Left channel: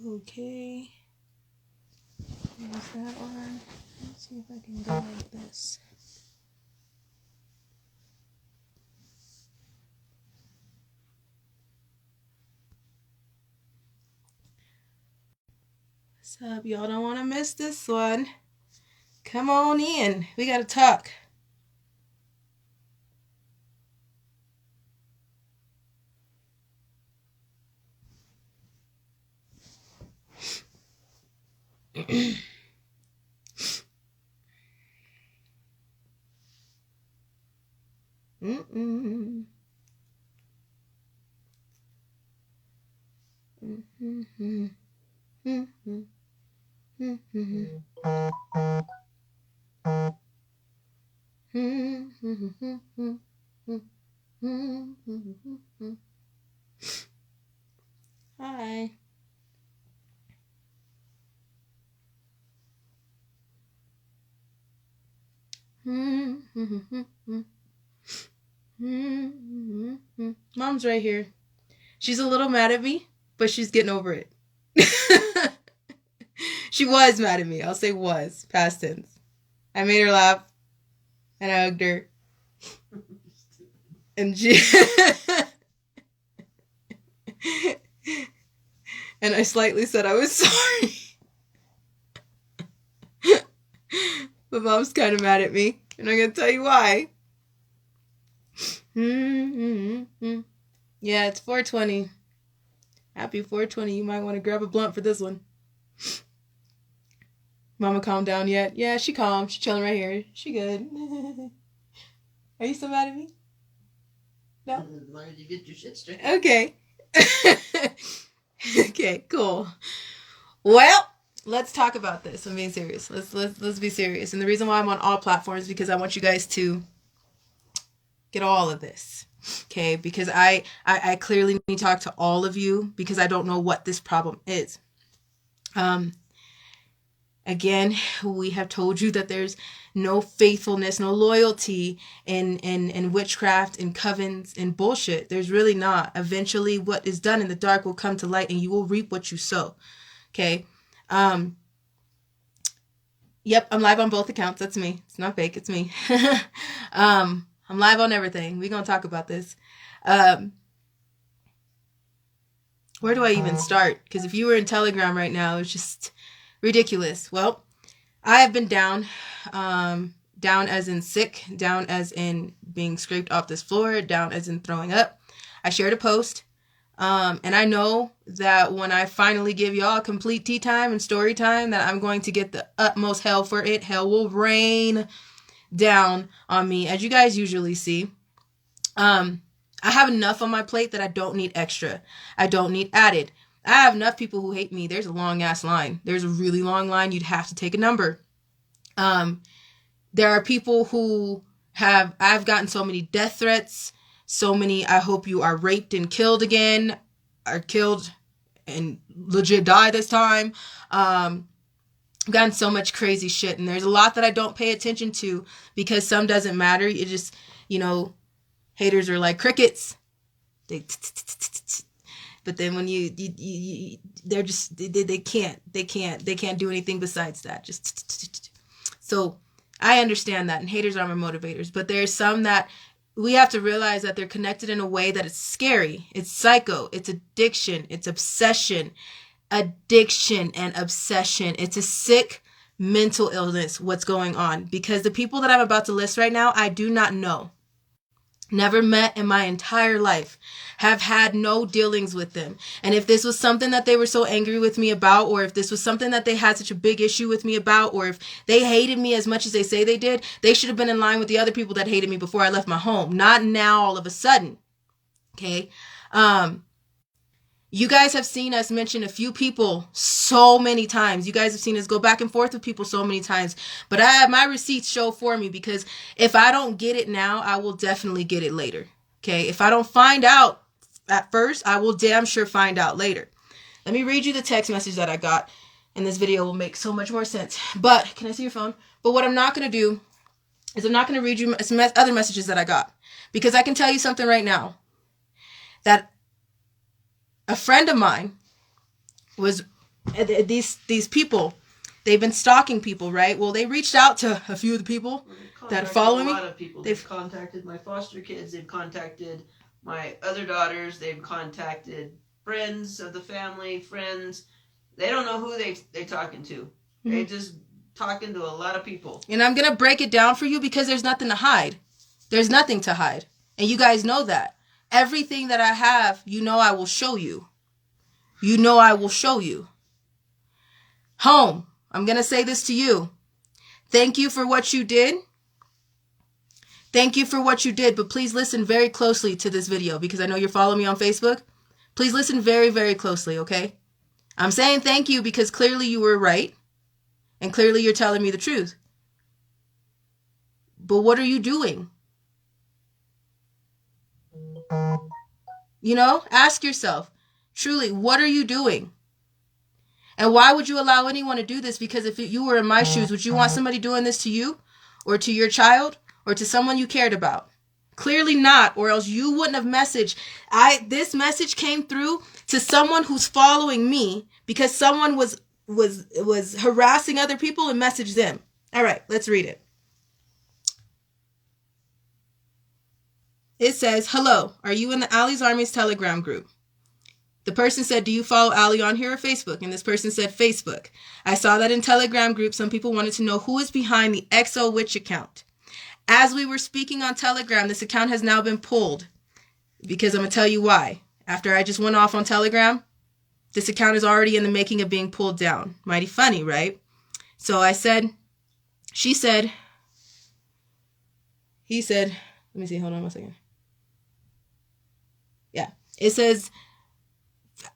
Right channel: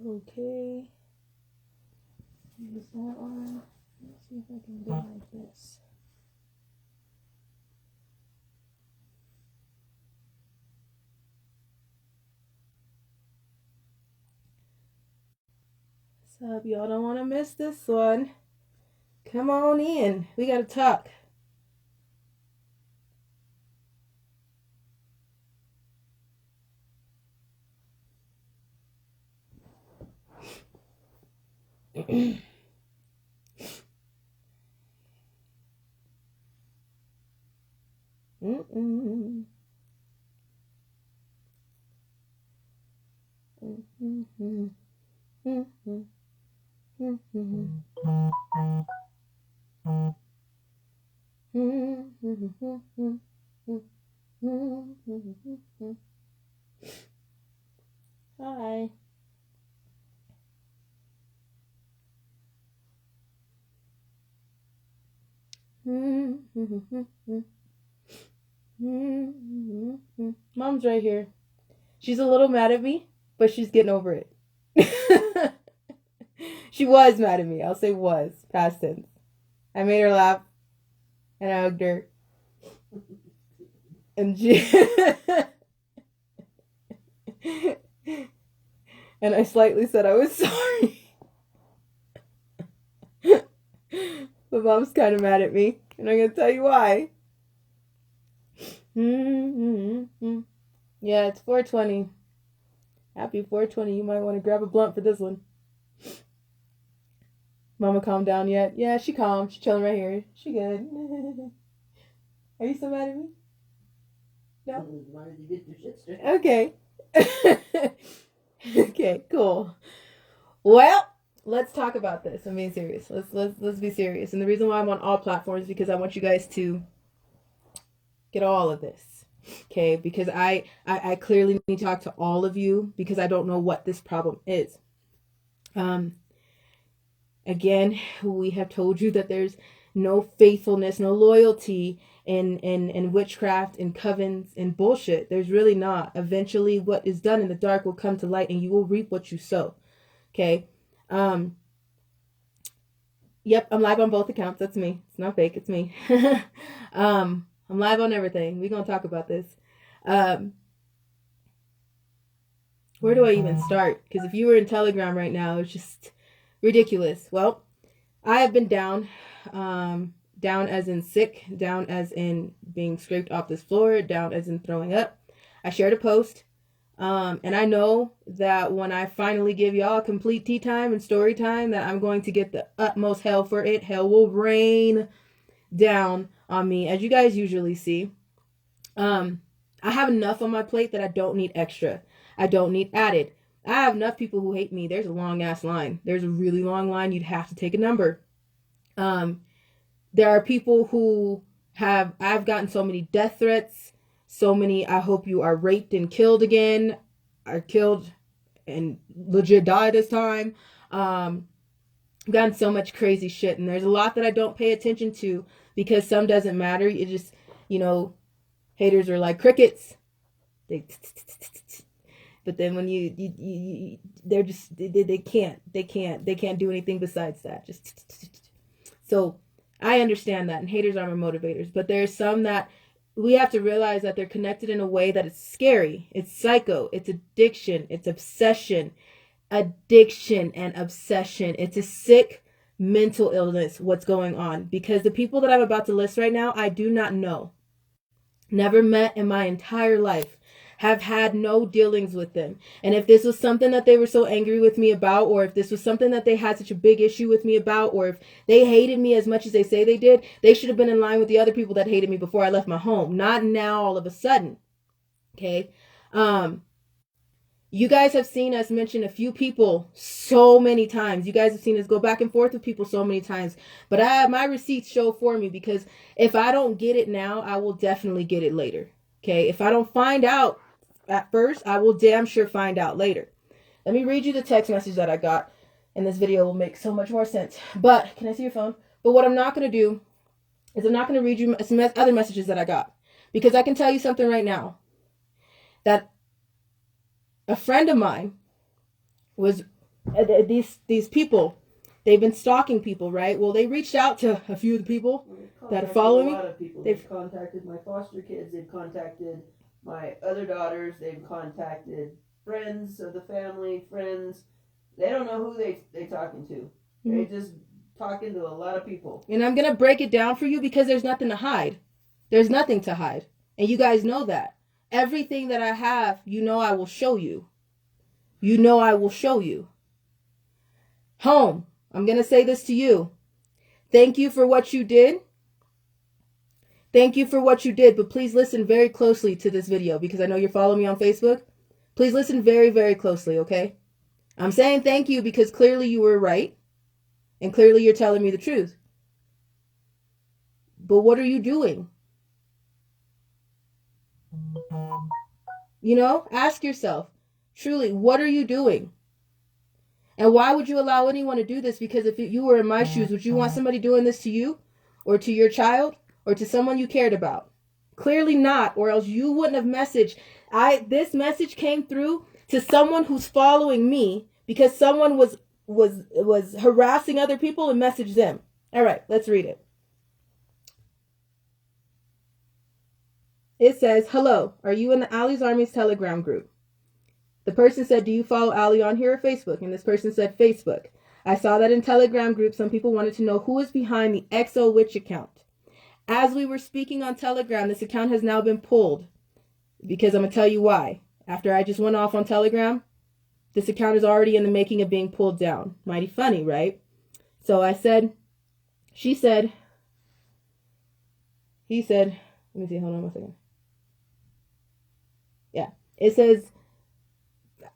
Okay. There's that one. Let's see if I can go like this. What's up? Y'all don't want to miss this one. Come on in. We got to talk. Mm-mm. Mm-hmm. Mm-hmm. Mm-hmm. Mm-hmm. Hi. Mom's right here. She's a little mad at me, but she's getting over it. She was mad at me. I'll say was, past tense. I made her laugh, and I hugged her. And she... and I slightly said I was sorry. But Mom's kind of mad at me, and I'm going to tell you why. Yeah, it's 420. Happy 420. You might want to grab a blunt for this one. Mama calmed down yet? Yeah, she calm. She chilling right here. She good. Are you still mad at me? No? As long as you get your shit straight. Okay. Okay, cool. Well, let's talk about this. I'm being serious. Let's be serious. And the reason why I'm on all platforms is because I want you guys to get all of this. Okay, because I clearly need to talk to all of you because I don't know what this problem is. Again, we have told you that there's no faithfulness, no loyalty in witchcraft and covens and bullshit. There's really not. Eventually, what is done in the dark will come to light, and you will reap what you sow. Okay. Yep, I'm live on both accounts. That's me. It's not fake. It's me. I'm live on everything. We're gonna talk about this. Where do I even start? Because if you were in Telegram right now, it's just ridiculous. Well, I have been down as in sick, down as in being scraped off this floor, down as in throwing up. I shared a post, and I know that when I finally give y'all complete tea time and story time, that I'm going to get the utmost hell for it. Hell will rain down on me, as you guys usually see. I have enough on my plate that I don't need extra. I don't need added. I have enough people who hate me. There's a long ass line. There's a really long line. You'd have to take a number. There are people who I've gotten so many death threats, so many, I hope you are raped and killed again, are killed and legit die this time. I've gotten so much crazy shit, and there's a lot that I don't pay attention to because some doesn't matter. It just, haters are like crickets. But then when they're just, they can't do anything besides that. Just so I understand that, and haters are my motivators. But there's some that we have to realize that they're connected in a way that it's scary. It's psycho. It's addiction. It's obsession. Addiction and obsession. It's a sick mental illness, what's going on. Because the people that I'm about to list right now, I do not know. Never met in my entire life, have had no dealings with them. And if this was something that they were so angry with me about, or if this was something that they had such a big issue with me about, or if they hated me as much as they say they did, they should have been in line with the other people that hated me before I left my home. Not now all of a sudden. Okay. You guys have seen us mention a few people so many times. You guys have seen us go back and forth with people so many times. But I have my receipts show for me, because if I don't get it now, I will definitely get it later. Okay? If I don't find out at first, I will damn sure find out later. Let me read you the text message that I got, and this video will make so much more sense. But, can I see your phone? But what I'm not going to do is I'm not going to read you some other messages that I got. Because I can tell you something right now. That a friend of mine was these people, they've been stalking people, right? Well, they reached out to a few of the people that are following me. A lot of people. They've contacted my foster kids. They've contacted my other daughters. They've contacted friends of the family, friends. They don't know who they talking to. Mm-hmm. They just talking to a lot of people. And I'm going to break it down for you because there's nothing to hide. There's nothing to hide. And you guys know that. Everything that I have, I will show you. I will show you. Home, I'm going to say this to you. Thank you for what you did. Thank you for what you did, but please listen very closely to this video because I know you're following me on Facebook. Please listen very, very closely, okay? I'm saying thank you because clearly you were right and clearly you're telling me the truth. But what are you doing? Ask yourself, truly, what are you doing? And why would you allow anyone to do this? Because if you were in my shoes, would you want somebody doing this to you or to your child or to someone you cared about? Clearly not, or else you wouldn't have messaged. This message came through to someone who's following me because someone was harassing other people and messaged them. All right, let's read it. It says, hello, are you in the Allie's Army's Telegram group? The person said, do you follow Allie on here or Facebook? And this person said, Facebook. I saw that in Telegram group, some people wanted to know who is behind the XO Witch account. As we were speaking on Telegram, this account has now been pulled because I'm going to tell you why. After I just went off on Telegram, this account is already in the making of being pulled down. Mighty funny, right? So he said, let me see, hold on one second. Yeah, it says,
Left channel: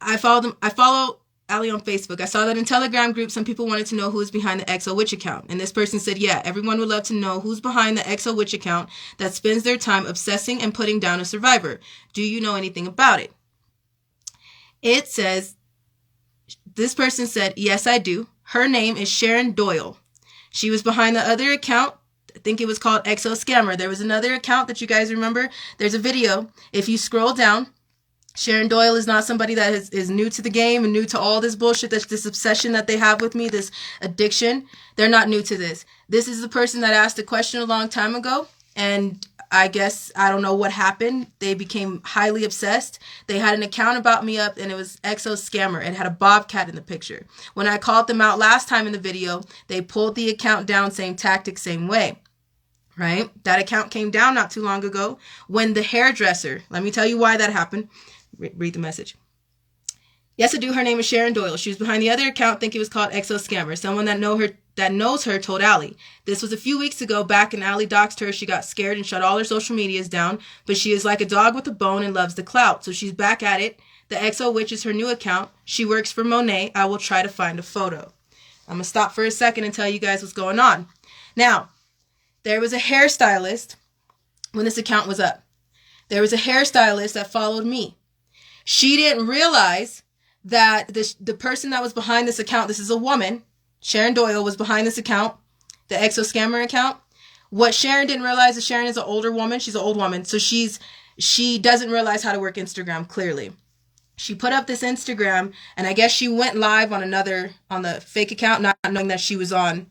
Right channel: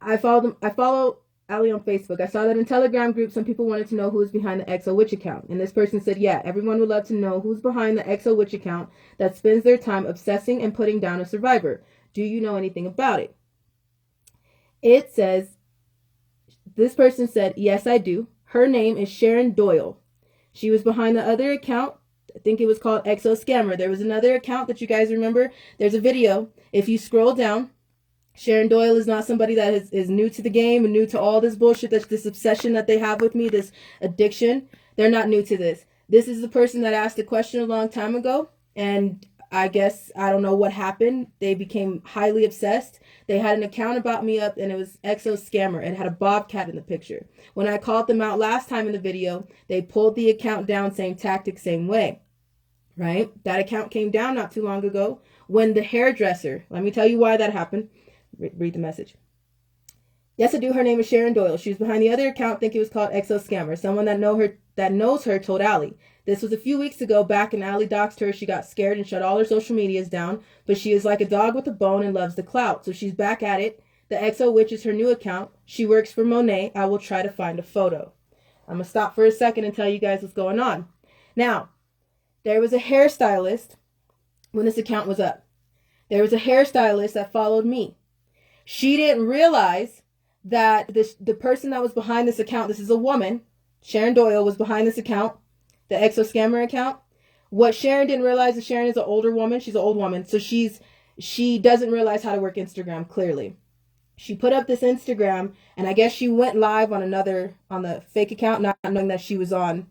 I follow Allie on Facebook. I saw that in Telegram group, some people wanted to know who is behind the XO Witch account. And this person said, yeah, everyone would love to know who's behind the XO Witch account that spends their time obsessing and putting down a survivor. Do you know anything about it? It says, this person said, yes, I do. Her name is Sharon Doyle. She was behind the other account. I think it was called XO Scammer. There was another account that you guys remember. There's a video. If you scroll down, Sharon Doyle is not somebody that is new to the game and new to all this bullshit, this obsession that they have with me, this addiction. They're not new to this. This is the person that asked a question a long time ago. And I guess, I don't know what happened. They became highly obsessed. They had an account about me up and it was XO Scammer. It had a bobcat in the picture. When I called them out last time in the video, they pulled the account down, same tactic, same way. Right? That account came down not too long ago when the hairdresser, let me tell you why that happened. Read the message. Yes, I do. Her name is Sharon Doyle. She was behind the other account. I think it was called XO Scammer. Someone that knows her told Allie. This was a few weeks ago. Back and Allie doxed her. She got scared and shut all her social medias down. But she is like a dog with a bone and loves the clout. So she's back at it. The XO Witch is her new account. She works for Monet. I will try to find a photo. I'm going to stop for a second and tell you guys what's going on. Now, there was a hairstylist when this account was up. There was a hairstylist that followed me. She didn't realize that the person that was behind this account, this is a woman, Sharon Doyle, was behind this account, the XO Scammer account. What Sharon didn't realize is Sharon is an older woman. She's an old woman. So she doesn't realize how to work Instagram, clearly. She put up this Instagram, and I guess she went live on the fake account, not knowing she was on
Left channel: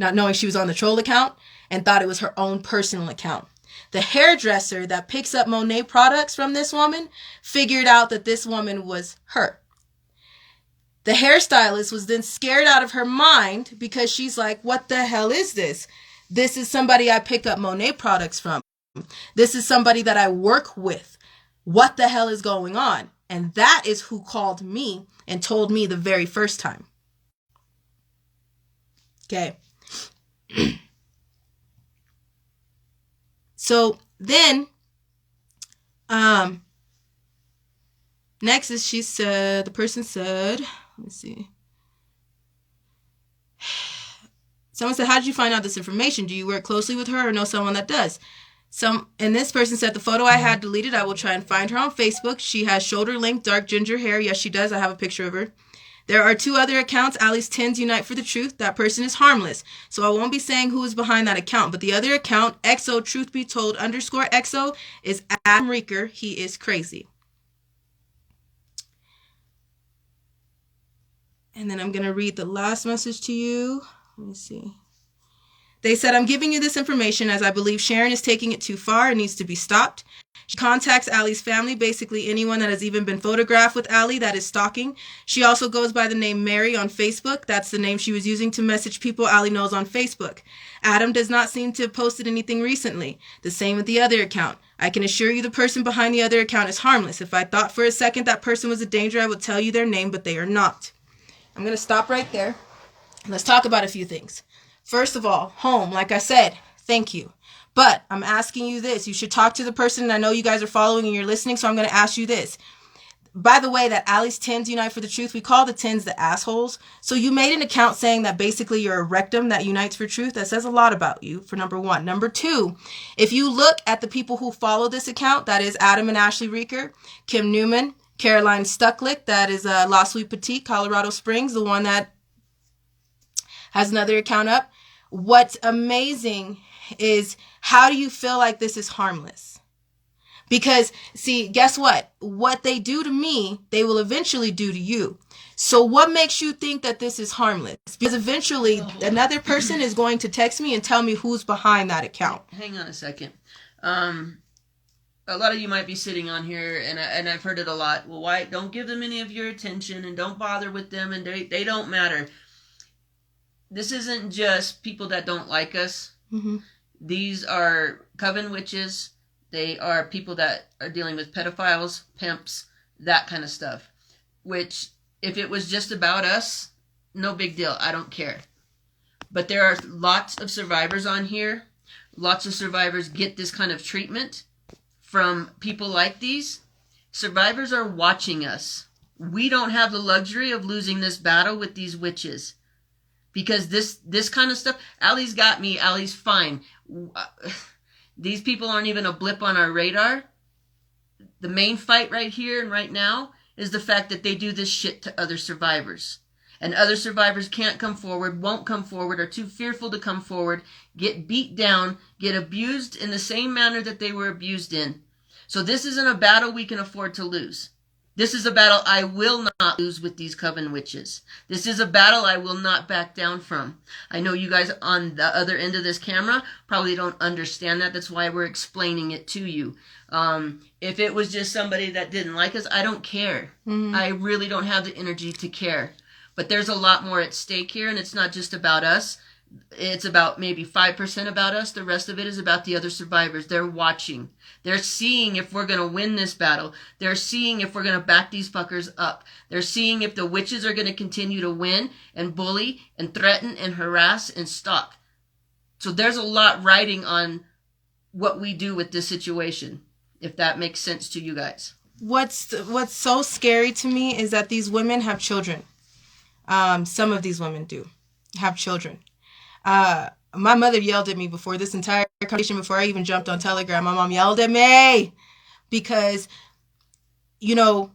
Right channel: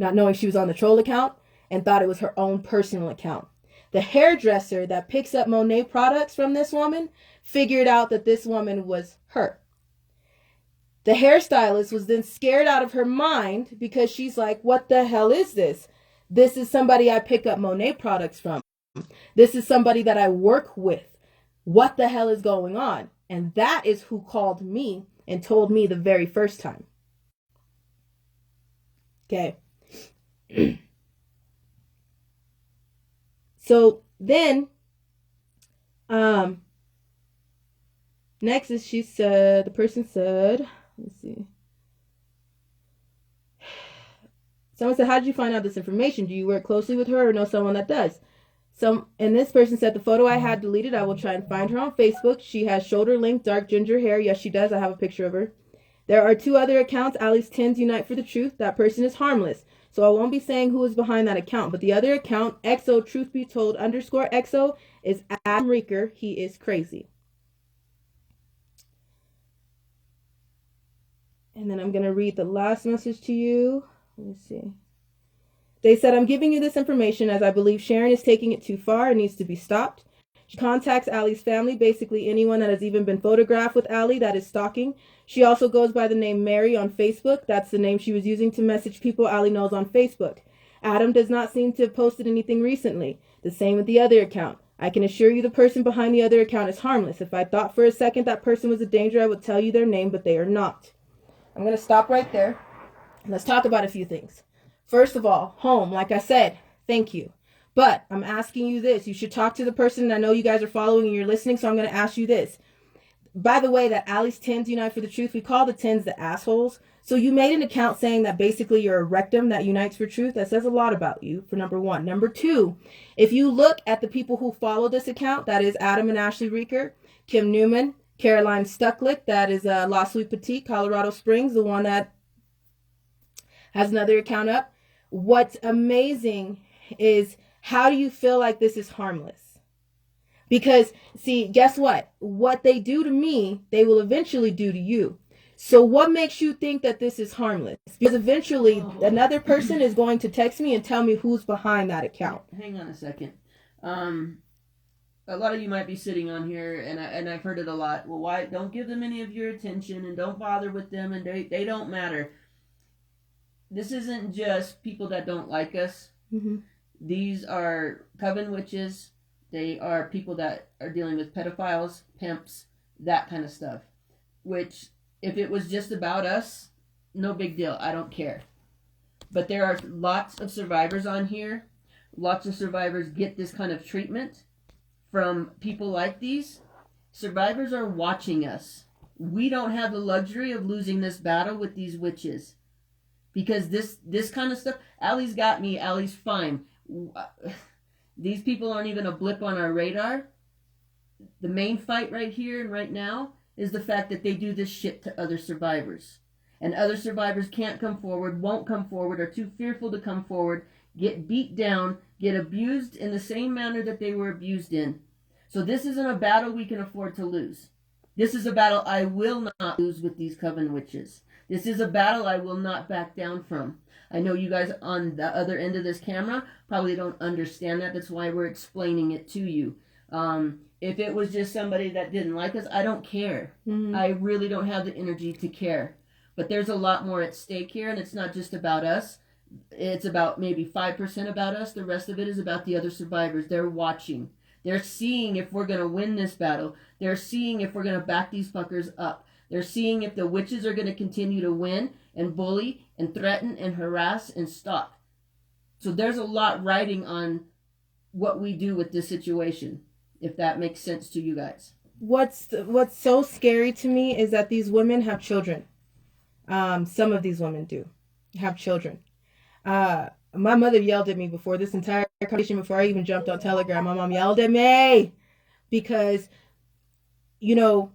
the troll account, and thought it was her own personal account. The hairdresser that picks up Monet products from this woman figured out that this woman was her. The hairstylist was then scared out of her mind because she's like, what the hell is this? This is somebody I pick up Monet products from. This is somebody that I work with. What the hell is going on? And that is who called me and told me the very first time. Okay. So then, next is the person said, let me see. Someone said, how did you find out this information? Do you work closely with her or know someone that does? And this person said, the photo I had deleted, I will try and find her on Facebook. She has shoulder length, dark ginger hair. Yes, she does. I have a picture of her. There are two other accounts, Allie's Tins Unite for the Truth. That person is harmless. So I won't be saying who is behind that account. But the other account, XO Truth Be Told _XO, is Adam Reeker. He is crazy. And then I'm going to read the last message to you. Let me see. They said, I'm giving you this information as I believe Sharon is taking it too far and needs to be stopped. She contacts Allie's family, basically anyone that has even been photographed with Allie that is stalking. She also goes by the name Mary on Facebook. That's the name she was using to message people Allie knows on Facebook. Adam does not seem to have posted anything recently. The same with the other account. I can assure you the person behind the other account is harmless. If I thought for a second that person was a danger, I would tell you their name, but they are not. I'm going to stop right there. Let's talk about a few things. First of all, home, like I said, thank you. But I'm asking you this. You should talk to the person, and I know you guys are following and you're listening, so I'm going to ask you this. By the way, that Allie's Tins Unite for the Truth, we call the Tins the assholes. So you made an account saying that basically you're a rectum that unites for truth. That says a lot about you, for number one. Number two, if you look at the people who follow this account, that is Adam and Ashley Reeker, Kim Newman, Caroline Stucklick, that is La Sweet Petite, Colorado Springs, the one that has another account up. What's amazing is, how do you feel like this is harmless? Because, see, guess what? What they do to me, they will eventually do to you. So what makes you think that this is harmless? Because eventually another person is going to text me and tell me who's behind that account. Hang on a second. A lot of you might be sitting on here, and I've heard it a lot. Well, why don't give them any of your attention, and don't bother with them, and they don't matter. This isn't just people that don't like us. Mm-hmm. These are coven witches. They are people that are dealing with pedophiles, pimps, that kind of stuff. Which, if it was just about us, no big deal. I don't care. But there are lots of survivors on here. Lots of survivors get this kind of treatment from people like these. Survivors are watching us. We don't have the luxury of losing this battle with these witches. Because this kind of stuff, Allie's got me, Allie's fine. These people aren't even a blip on our radar. The main fight right here and right now is the fact that they do this shit to other survivors. And other survivors can't come forward, won't come forward, are too fearful to come forward, get beat down, get abused in the same manner that they were abused in. So this isn't a battle we can afford to lose. This is a battle I will not lose with these coven witches. This is a battle I will not back down from. I know you guys on the other end of this camera probably don't understand that. That's why we're explaining it to you. If it was just somebody that didn't like us, I don't care. Mm-hmm. I really don't have the energy to care. But there's a lot more at stake here, and it's not just about us. It's about maybe 5% about us. The rest of it is about the other survivors. They're watching. They're seeing if we're going to win this battle. They're seeing if we're going to back these fuckers up. They're seeing if the witches are going to continue to win and bully and threaten and harass and stalk. So there's a lot riding on what we do with this situation, if that makes sense to you guys. What's so scary to me is that these women have children. Some of these women do have children. My mother yelled at me before this entire conversation, before I even jumped on Telegram. My mom yelled at me because, you know,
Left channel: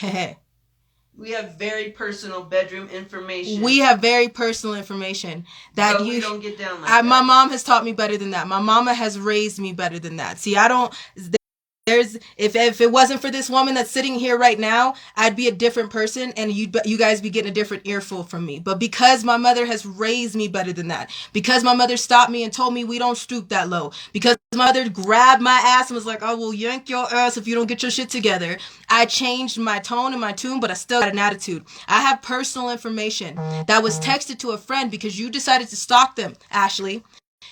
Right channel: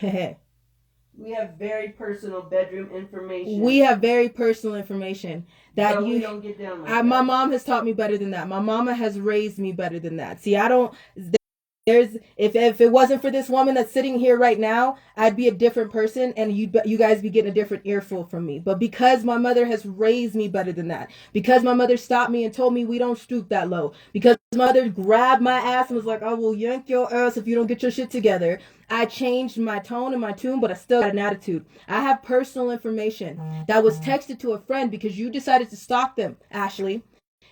we have very personal bedroom information. We have very personal information that so you we don't get down like that. My mom has taught me better than that. My mama has raised me better than that. See, if it wasn't for this woman that's sitting here right now, I'd be a different person, and you guys be getting a different earful from me. But because my mother has raised me better than that, because my mother stopped me and told me we don't stoop that low, because my mother grabbed my ass and was like, I will yank your ass if you don't get your shit together, I changed my tone and my tune, but I still got an attitude. I have personal information that was texted to a friend because you decided to stalk them, Ashley.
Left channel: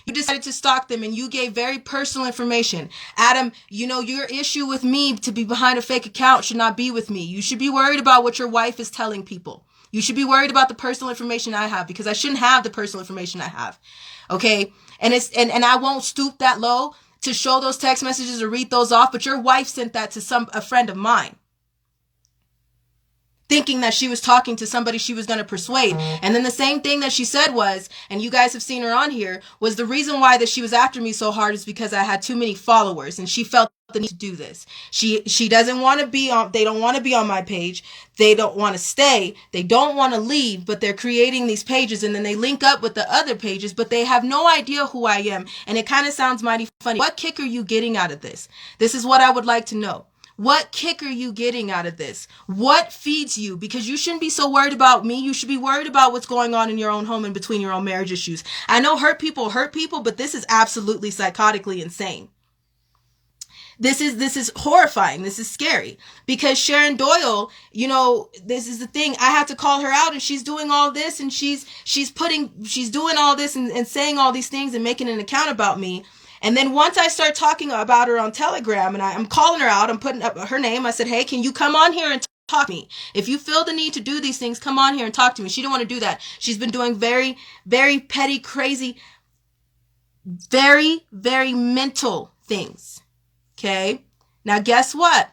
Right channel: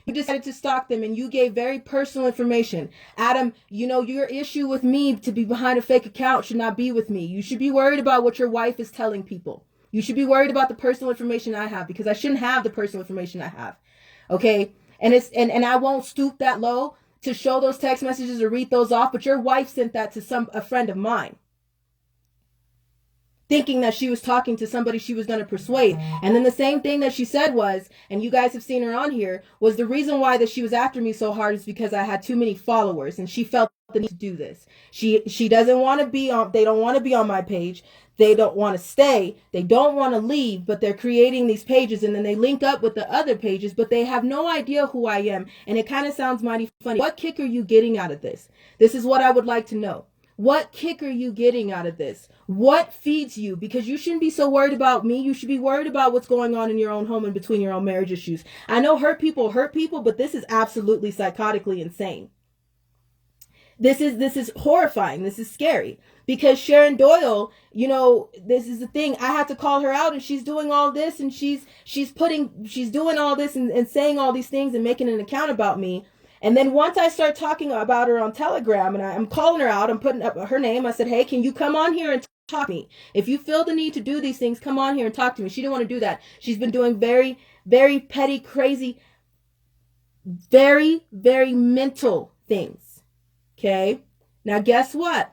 You decided to stalk them, and you gave very personal information. Adam, you know, your issue with me to be behind a fake account should not be with me. You should be worried about what your wife is telling people. You should be worried about the personal information I have, because I shouldn't have the personal information I have. Okay? And I won't stoop that low to show those text messages or read those off, but your wife sent that to a friend of mine, thinking that she was talking to somebody she was going to persuade. And then the same thing that she said was, and you guys have seen her on here, was the reason why that she was after me so hard is because I had too many followers, and she felt the need to do this. She doesn't want to be on, they don't want to be on my page. They don't want to stay. They don't want to leave, but they're creating these pages, and then they link up with the other pages, but they have no idea who I am. And it kind of sounds mighty funny. What kick are you getting out of this? This is what I would like to know. What kick are you getting out of this? What feeds you? Because you shouldn't be so worried about me. You should be worried about what's going on in your own home and between your own marriage issues. I know hurt people, but this is absolutely psychotically insane. This is horrifying. This is scary, because Sharon Doyle, this is the thing. I had to call her out, and she's doing all this, and she's doing all this and saying all these things and making an account about me. And then once I start talking about her on Telegram, and I'm calling her out, I'm putting up her name. I said, hey, can you come on here and talk to me? If you feel the need to do these things, come on here and talk to me. She didn't want to do that. She's been doing very, very petty, crazy, very, very mental things. Okay. Now, guess what?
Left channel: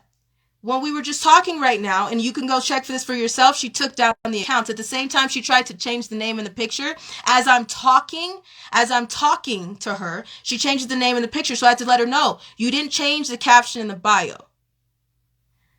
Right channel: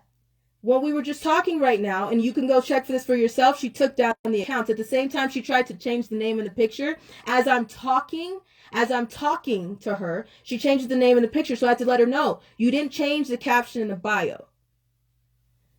When we were just talking right now, and you can go check for this for yourself, she took down the accounts. At the same time, she tried to change the name in the picture. As I'm talking to her, she changes the name in the picture. So I had to let her know, you didn't change the caption in the bio.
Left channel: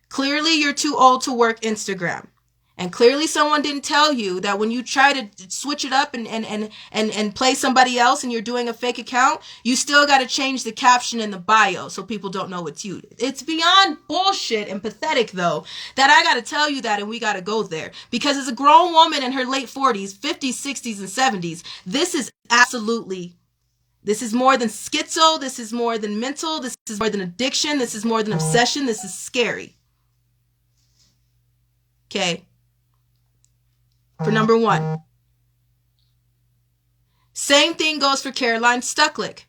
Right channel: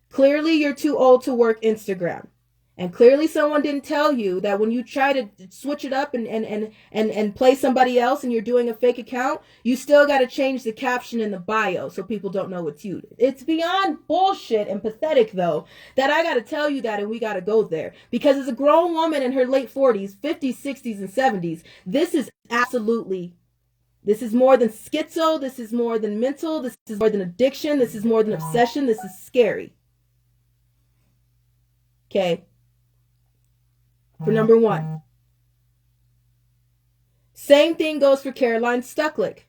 Clearly, you're too old to work Instagram. And clearly someone didn't tell you that when you try to switch it up and play somebody else and you're doing a fake account, you still got to change the caption in the bio so people don't know it's you. It's beyond bullshit and pathetic, though, that I got to tell you that, and we got to go there. Because as a grown woman in her late 40s, 50s, 60s, and 70s, this is more than schizo. This is more than mental. This is more than addiction. This is more than obsession. This is scary. Okay. For number one. Same thing goes for Caroline Stucklick.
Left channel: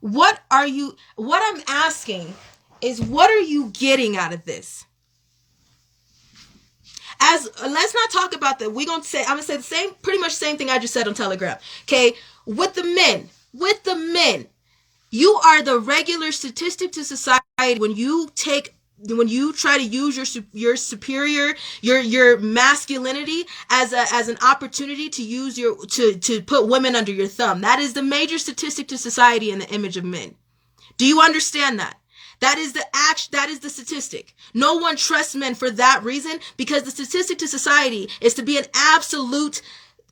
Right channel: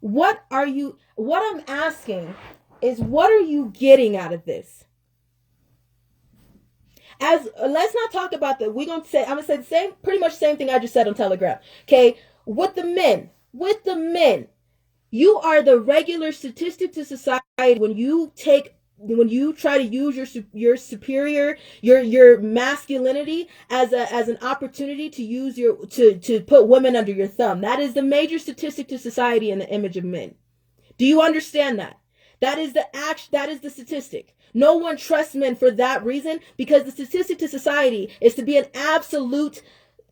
What I'm asking is, what are you getting out of this? Let's not talk about that. I'm going to say pretty much the same thing I just said on Telegram. Okay. With the men, you are the regular statistic to society when you try to use your superior, your masculinity as an opportunity to use to put women under your thumb. That is the major statistic to society in the image of men. Do you understand that? That is the statistic. No one trusts men for that reason, because the statistic to society is to be an absolute,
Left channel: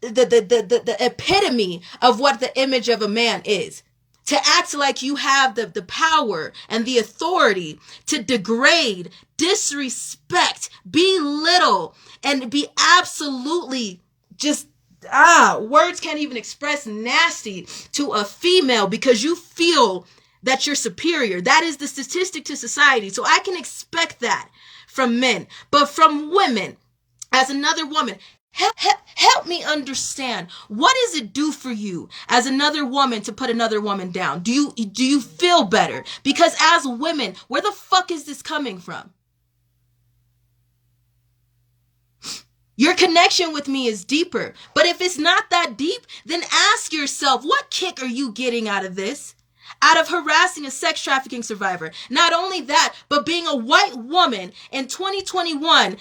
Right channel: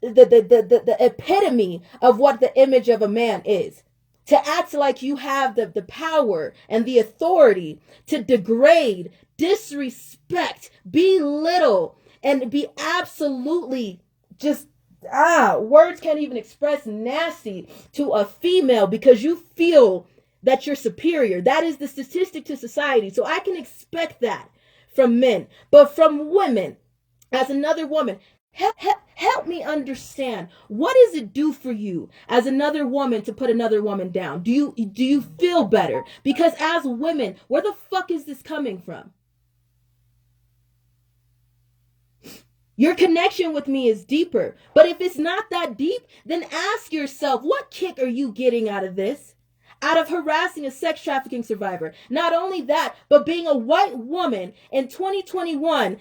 the epitome of what the image of a man is. To act like you have the power and the authority to degrade, disrespect, belittle, and be absolutely just, words can't even express nasty to a female because you feel that you're superior. That is the statistic to society. So I can expect that from men. But from women, as another woman, help me understand, what does it do for you as another woman to put another woman down? Do you feel better? Because as women, where the fuck is this coming from? Your connection with me is deeper. But if it's not that deep, then ask yourself, what kick are you getting out of this? Out of harassing a sex trafficking survivor? Not only that, but being a white woman in 2021,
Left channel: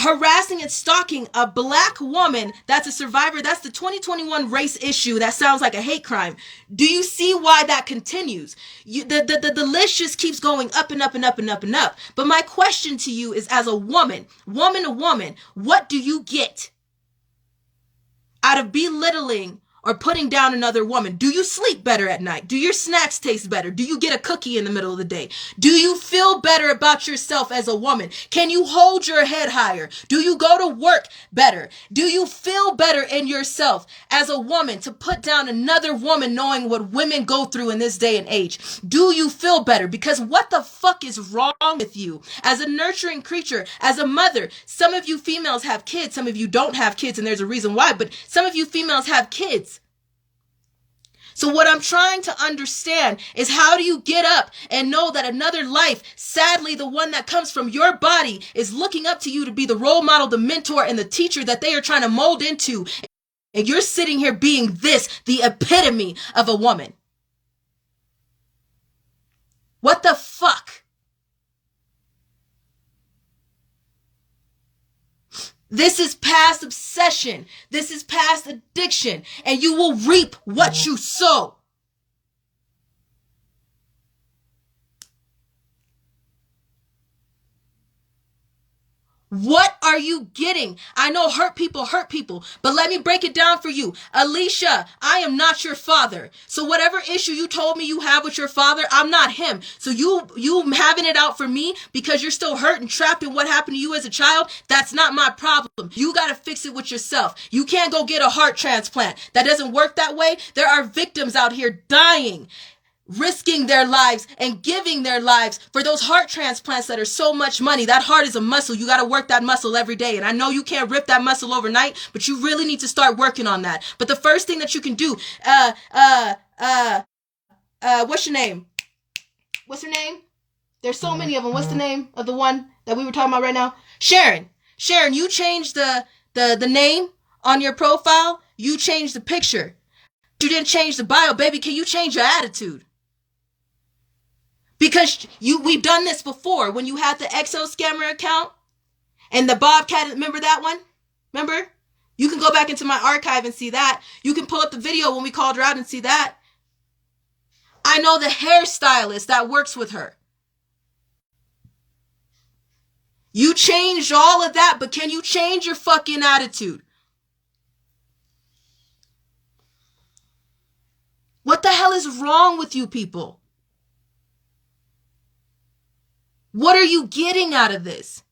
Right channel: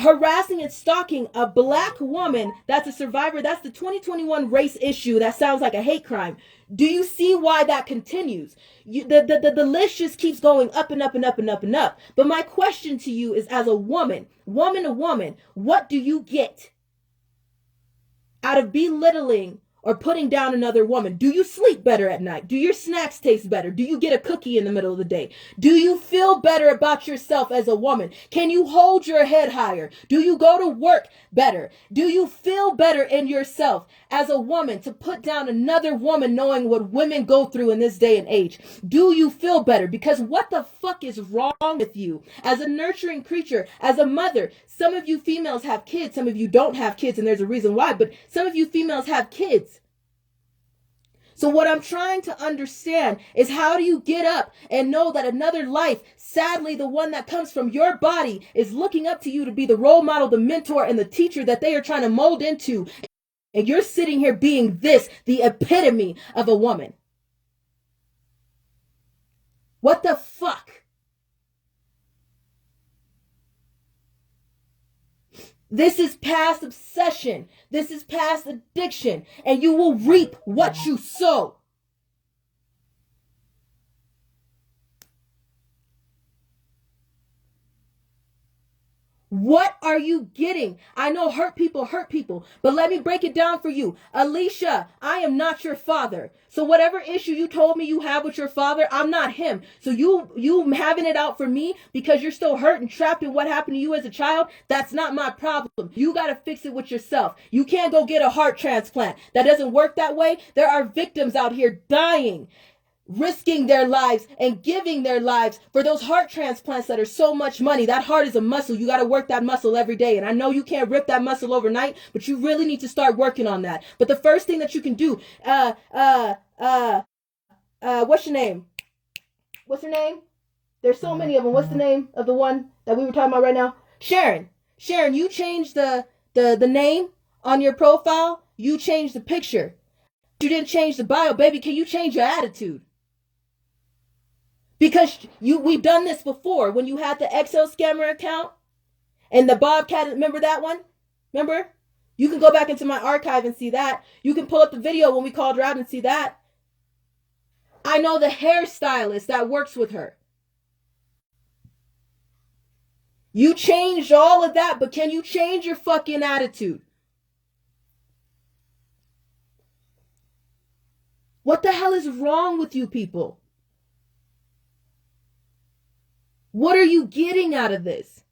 harassing and stalking a black woman that's a survivor. That's the 2021 race issue. That sounds like a hate crime. Do you see why that continues? The list just keeps going up and up and up and up and up. But my question to you is, as a woman to woman, what do you get out of belittling or putting down another woman? Do you sleep better at night? Do your snacks taste better? Do you get a cookie in the middle of the day? Do you feel better about yourself as a woman? Can you hold your head higher? Do you go to work better? Do you feel better in yourself as a woman to put down another woman, knowing what women go through in this day and age? Do you feel better? Because what the fuck is wrong with you as a nurturing creature, as a mother? Some of you females have kids. Some of you don't have kids, and there's a reason why, but some of you females have kids. So what I'm trying to understand is, how do you get up and know that another life, sadly the one that comes from your body, is looking up to you to be the role model, the mentor, and the teacher that they are trying to mold into, and you're sitting here being the epitome of a woman? What the fuck? This is past obsession. This is past addiction. And you will reap what you sow. What are you getting? I know hurt people, but let me break it down for you. Alicia, I am not your father. So whatever issue you told me you have with your father, I'm not him. So you having it out for me because you're still hurt and trapped in what happened to you as a child, that's not my problem. You got to fix it with yourself. You can't go get a heart transplant. That doesn't work that way. There are victims out here dying, risking their lives and giving their lives for those heart transplants that are so much money. That heart is a muscle. You got to work that muscle every day. And I know you can't rip that muscle overnight, but you really need to start working on that. But the first thing that you can do, what's your name? What's her name? There's so many of them. What's the name of the one that we were talking about right now? Sharon, you changed the name on your profile. You changed the picture. You didn't change the bio. Baby, can you change your attitude? Because we've done this before when you had the Exo Scammer account and the Bobcat. Remember that one? Remember? You can go back into my archive and see that. You can pull up the video when we called her out and see that. I know the hairstylist that works with her. You changed all of that, but can you change your fucking attitude? What the hell is wrong with you people? What are you getting out of this?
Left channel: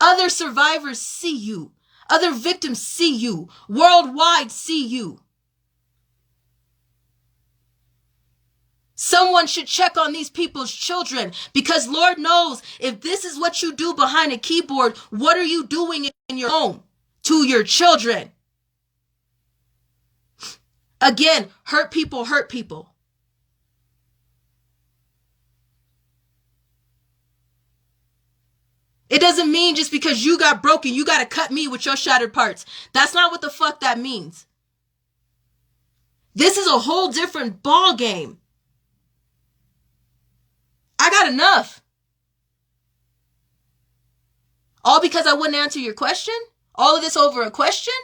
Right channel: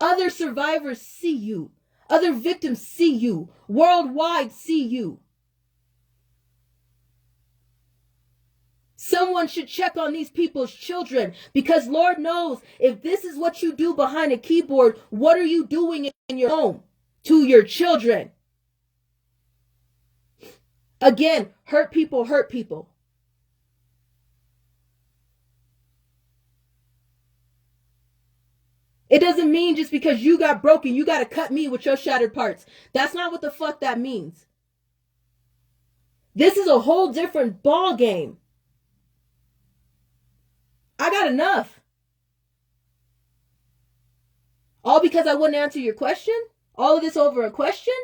Other survivors see you. Other victims see you. Worldwide see you. Someone should check on these people's children because Lord knows if this is what you do behind a keyboard, what are you doing in your home to your children? Again, hurt people hurt people. It doesn't mean just because you got broken, you got to cut me with your shattered parts. That's not what the fuck that means. This is a whole different ball game. I got enough. All because I wouldn't answer your question? All of this over a question?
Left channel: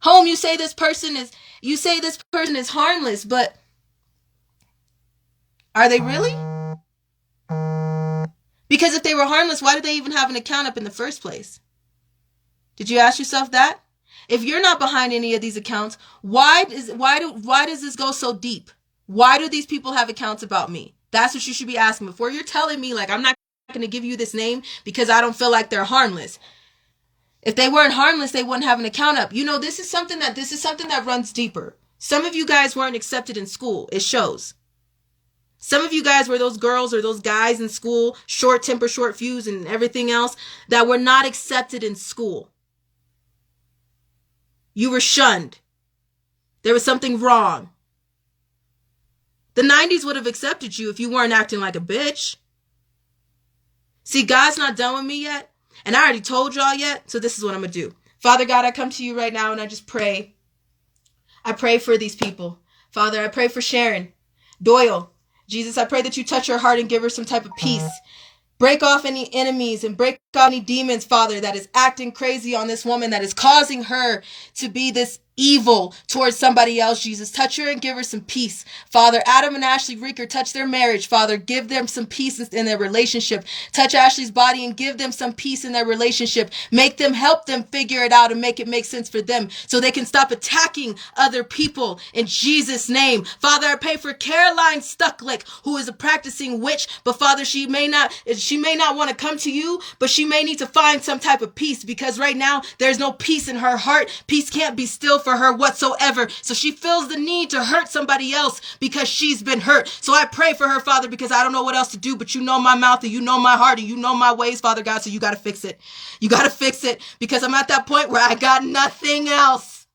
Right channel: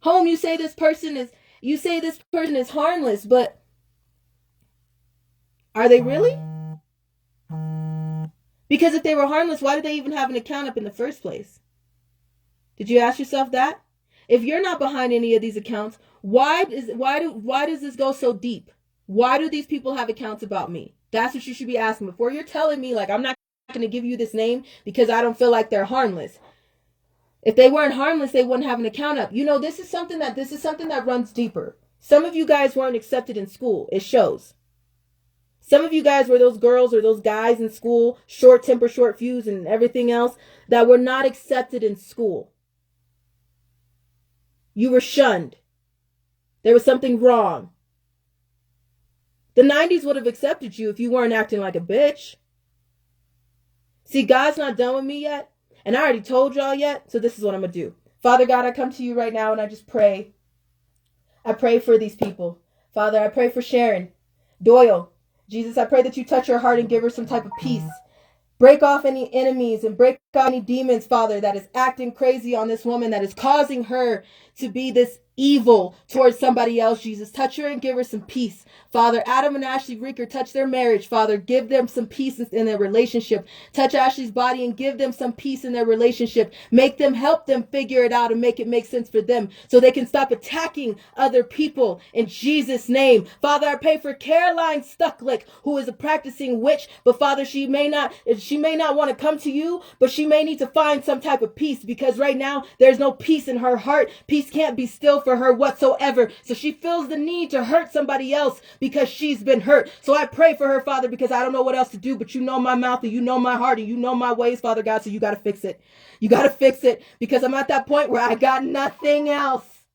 Home, you say this person is harmless, but are they really? Because if they were harmless, why did they even have an account up in the first place? Did you ask yourself that? If you're not behind any of these accounts, why does this go so deep? Why do these people have accounts about me? That's what you should be asking before you're telling me like I'm not going to give you this name because I don't feel like they're harmless. If they weren't harmless, they wouldn't have an account up. You know, this is something that runs deeper. Some of you guys weren't accepted in school. It shows. Some of you guys were those girls or those guys in school, short temper, short fuse, and everything else that were not accepted in school. You were shunned. There was something wrong. The 90s would have accepted you if you weren't acting like a bitch. See, God's not done with me yet. And I already told y'all yet. So this is what I'm going to do. Father God, I come to you right now and I just pray. I pray for these people. Father, I pray for Sharon Doyle. Jesus, I pray that you touch her heart and give her some type of peace. Break off any enemies and break off any demons, Father, that is acting crazy on this woman, that is causing her to be this evil towards somebody else. Jesus, touch her and give her some peace. Father, Adam and Ashley Reeker, touch their marriage. Father, give them some peace in their relationship. Touch Ashley's body and give them some peace in their relationship. Help them figure it out and make it make sense for them so they can stop attacking other people in Jesus' name. Father, I pray for Caroline Stucklick, who is a practicing witch, but Father, she may not want to come to you, but she may need to find some type of peace because right now there's no peace in her heart. Peace can't be still for her whatsoever. So she feels the need to hurt somebody else because she's been hurt. So I pray for her, Father, because I don't know what else to do, but you know my mouth and you know my heart and you know my ways, Father God. So you got to fix it. You got to fix it because I'm at that point where I got nothing else.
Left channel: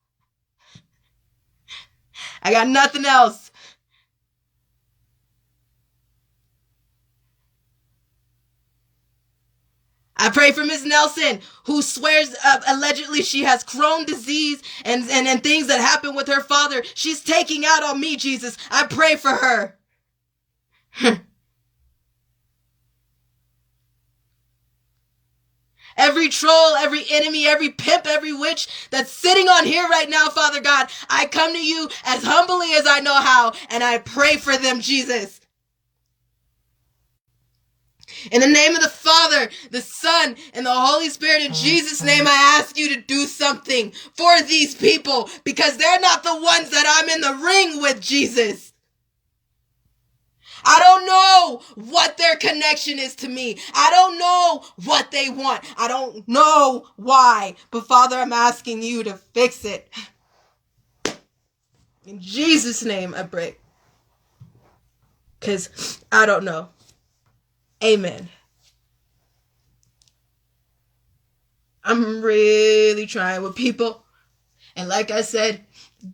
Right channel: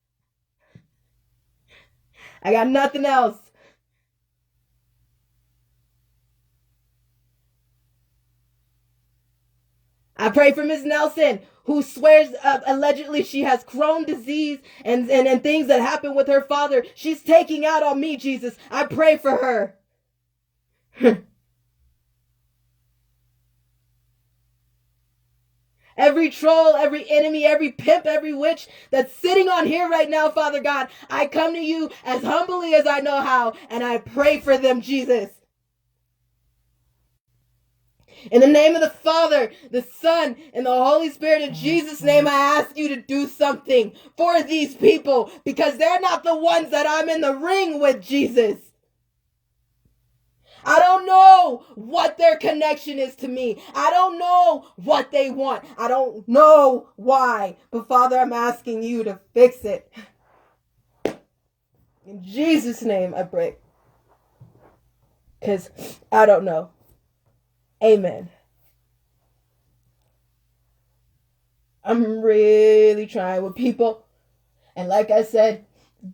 I got nothing else. I pray for Miss Nelson, who swears allegedly she has Crohn's disease and things that happen with her father. She's taking out on me, Jesus. I pray for her. Every troll, every enemy, every pimp, every witch that's sitting on here right now, Father God, I come to you as humbly as I know how, and I pray for them, Jesus. In the name of the Father, the Son, and the Holy Spirit, in Jesus' name, I ask you to do something for these people because they're not the ones that I'm in the ring with, Jesus. I don't know what their connection is to me. I don't know what they want. I don't know why. But Father, I'm asking you to fix it. In Jesus' name, I pray. Because I don't know. Amen. I'm really trying with people. And like I said,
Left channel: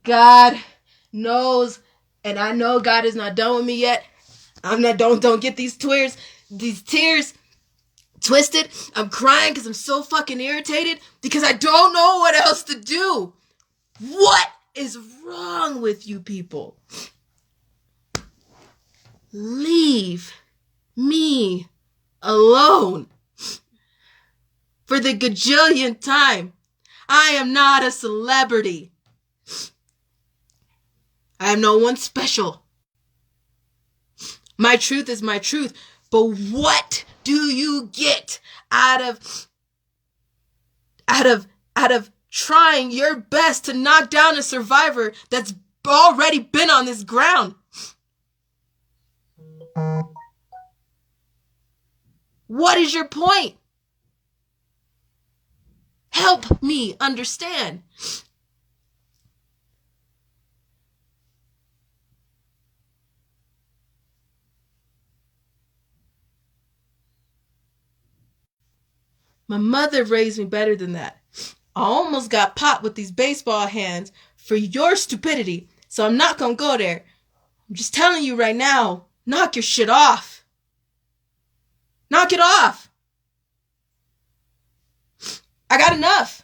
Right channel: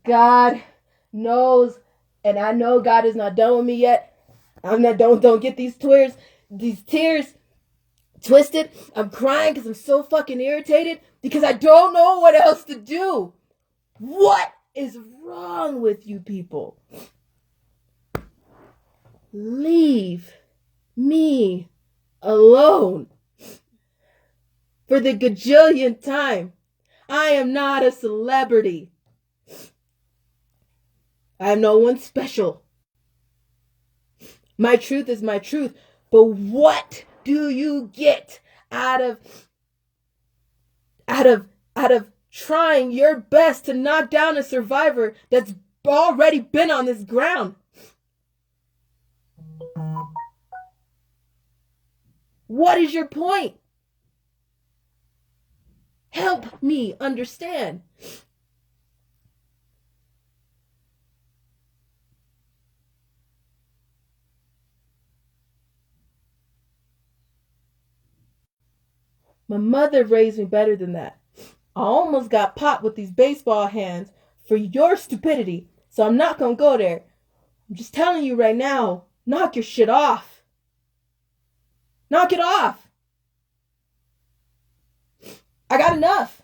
God knows. And I know God is not done with me yet. I'm not, don't get these tears twisted. I'm crying because I'm so fucking irritated because I don't know what else to do. What is wrong with you people? Leave me alone. For the gajillionth time, I am not a celebrity. I am no one special. My truth is my truth. But what do you get out of trying your best to knock down a survivor that's already been on this ground? What is your point? Help me understand. My mother raised me better than that. I almost got popped with these baseball hands for your stupidity, so I'm not gonna go there. I'm just telling you right now, knock your shit off. Knock it off. I got enough.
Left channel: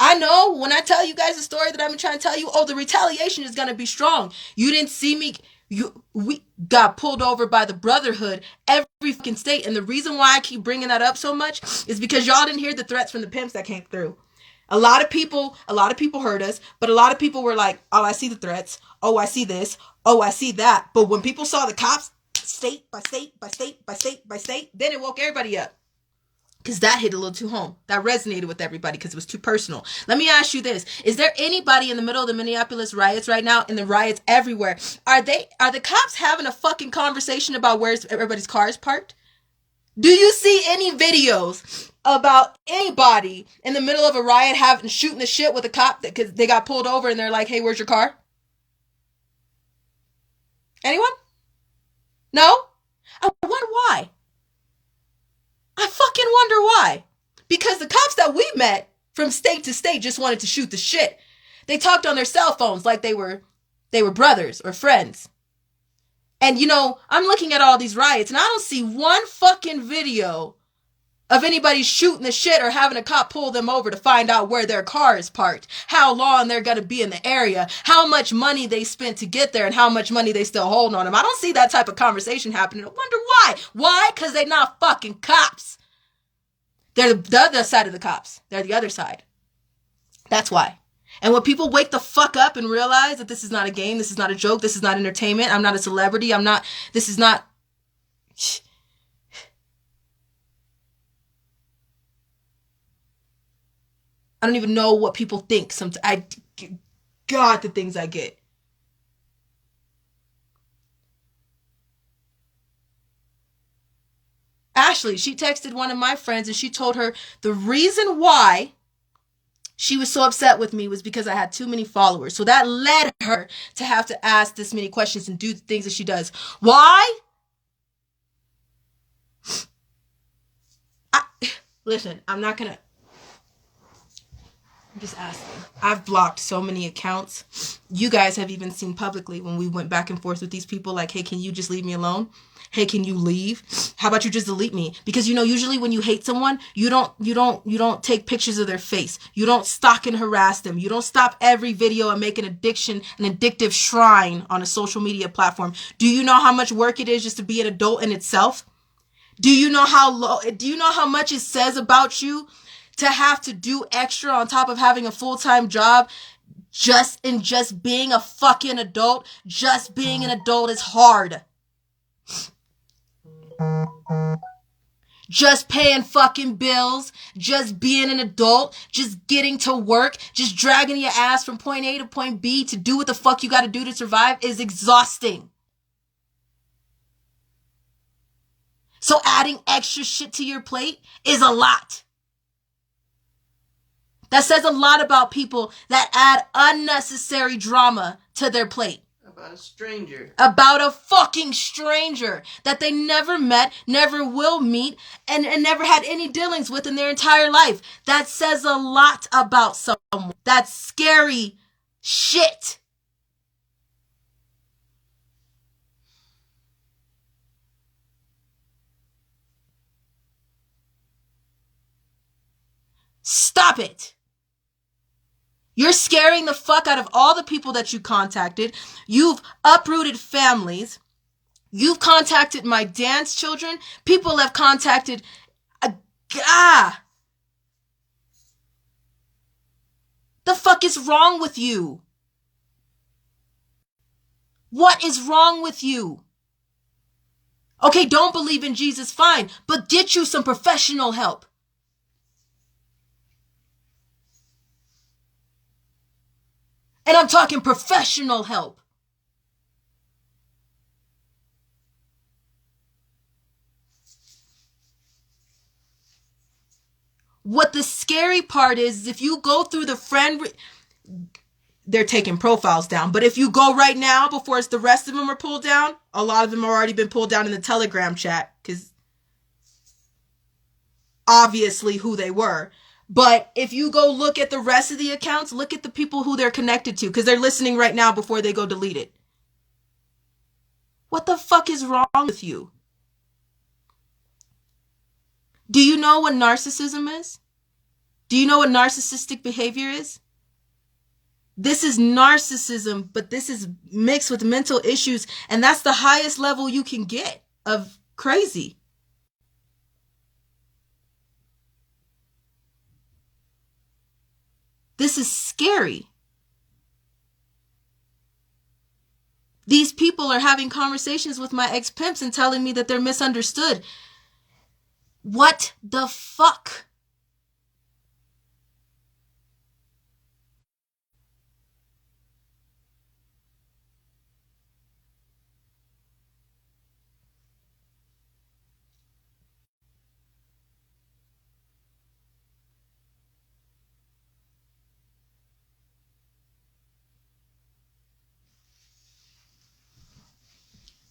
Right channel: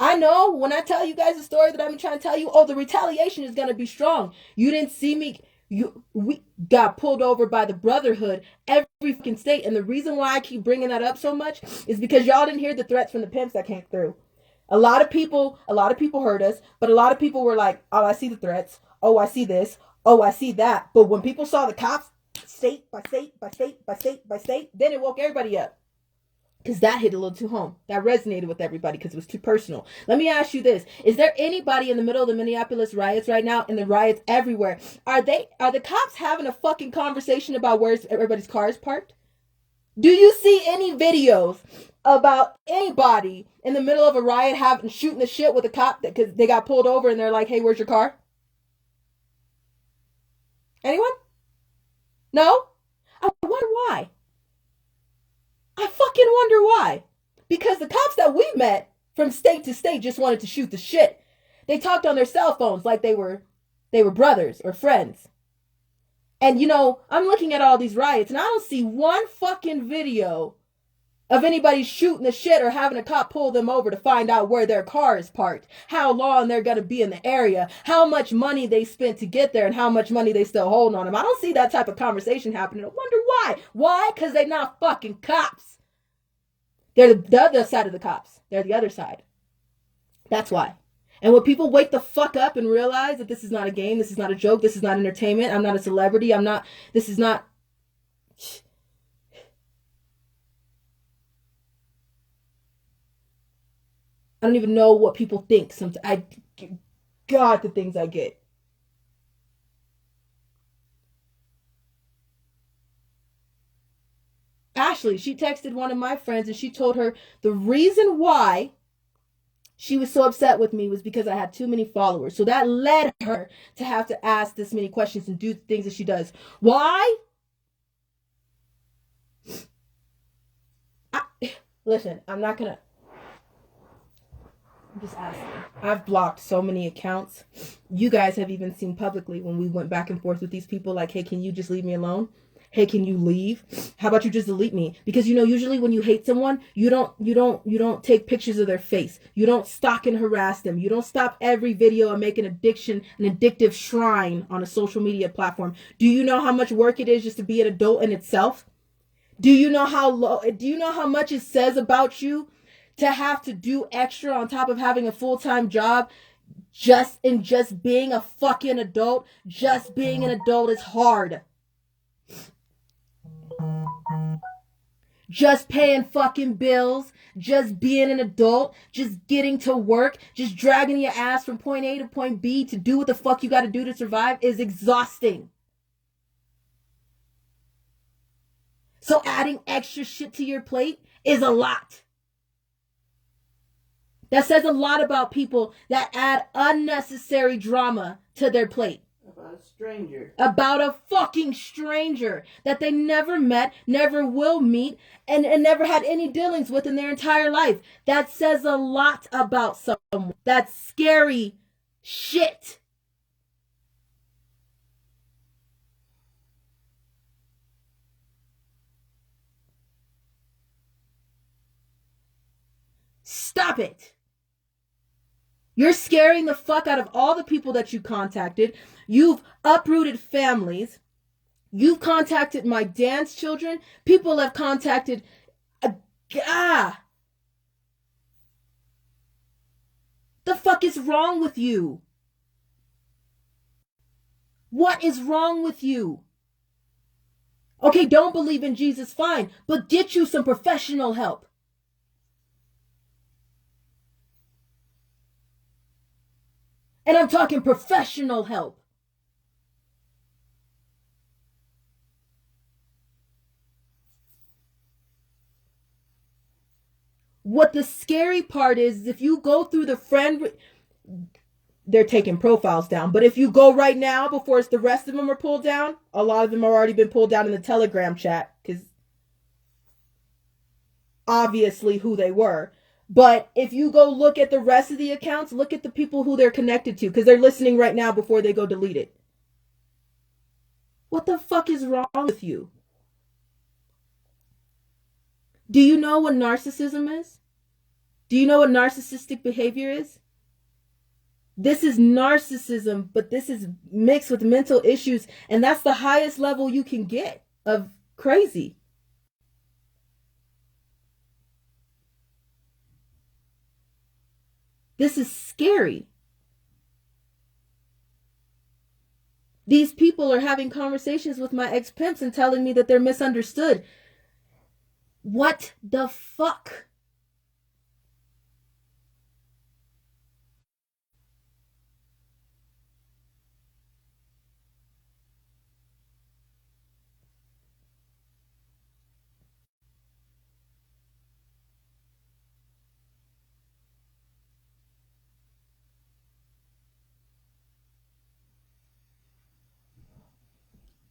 I know when I tell you guys the story that I've been trying to tell you, the retaliation is going to be strong. You didn't see me. We got pulled over by the Brotherhood every fucking state. And the reason why I keep bringing that up so much is because y'all didn't hear the threats from the pimps that came through. A lot of people heard us, but a lot of people were like, oh, I see the threats. Oh, I see this. Oh, I see that. But when people saw the cops, state by state by state by state by state, then it woke everybody up. Because that hit a little too home. That resonated with everybody because it was too personal. Let me ask you this. Is there anybody in the middle of the Minneapolis riots right now, and the riots everywhere? Are the cops having a fucking conversation about where everybody's car is parked? Do you see any videos about anybody in the middle of a riot shooting the shit with a cop because they got pulled over and they're like, hey, where's your car? Anyone? No? I wonder why. I fucking wonder why. Because the cops that we met from state to state just wanted to shoot the shit. They talked on their cell phones like they were brothers or friends. And I'm looking at all these riots and I don't see one fucking video of anybody shooting the shit or having a cop pull them over to find out where their car is parked, how long they're going to be in the area, how much money they spent to get there, and how much money they still hold on them. I don't see that type of conversation happening. I wonder why. Why? Because they're not fucking cops. They're the other side of the cops. They're the other side. That's why. And when people wake the fuck up and realize that this is not a game, this is not a joke, this is not entertainment, I'm not a celebrity, this is not... I don't even know what people think. God, the things I get. Ashley, she texted one of my friends and she told her the reason why she was so upset with me was because I had too many followers. So that led her to have to ask this many questions and do the things that she does. Why? Listen, I'm just asking. I've blocked so many accounts. You guys have even seen publicly when we went back and forth with these people like, hey, can you just leave me alone? Hey, can you leave? How about you just delete me? Because usually when you hate someone, you don't take pictures of their face. You don't stalk and harass them. You don't stop every video and make an addictive shrine on a social media platform. Do you know how much work it is just to be an adult in itself? Do you know how much it says about you to have to do extra on top of having a full-time job just being a fucking adult? Just being an adult is hard. Just paying fucking bills, just being an adult, just getting to work, just dragging your ass from point A to point B to do what the fuck you got to do to survive is exhausting. So adding extra shit to your plate is a lot. That says a lot about people that add unnecessary drama to their plate. About a stranger. About a fucking stranger that they never met, never will meet, and never had any dealings with in their entire life. That says a lot about someone. That's scary shit. Stop it. You're scaring the fuck out of all the people that you contacted. You've uprooted families. You've contacted my dance children. People have contacted... The fuck is wrong with you? What is wrong with you? Okay, don't believe in Jesus, fine, but get you some professional help. And I'm talking professional help. What the scary part is if you go through the they're taking profiles down. But if you go right now before the rest of them are pulled down, a lot of them have already been pulled down in the Telegram chat because obviously who they were. But if you go look at the rest of the accounts, look at the people who they're connected to because they're listening right now before they go delete it. What the fuck is wrong with you? Do you know what narcissism is? Do you know what narcissistic behavior is? This is narcissism, but this is mixed with mental issues, and that's the highest level you can get of crazy. This is scary. These people are having conversations with my ex-pimps and telling me that they're misunderstood. What the fuck?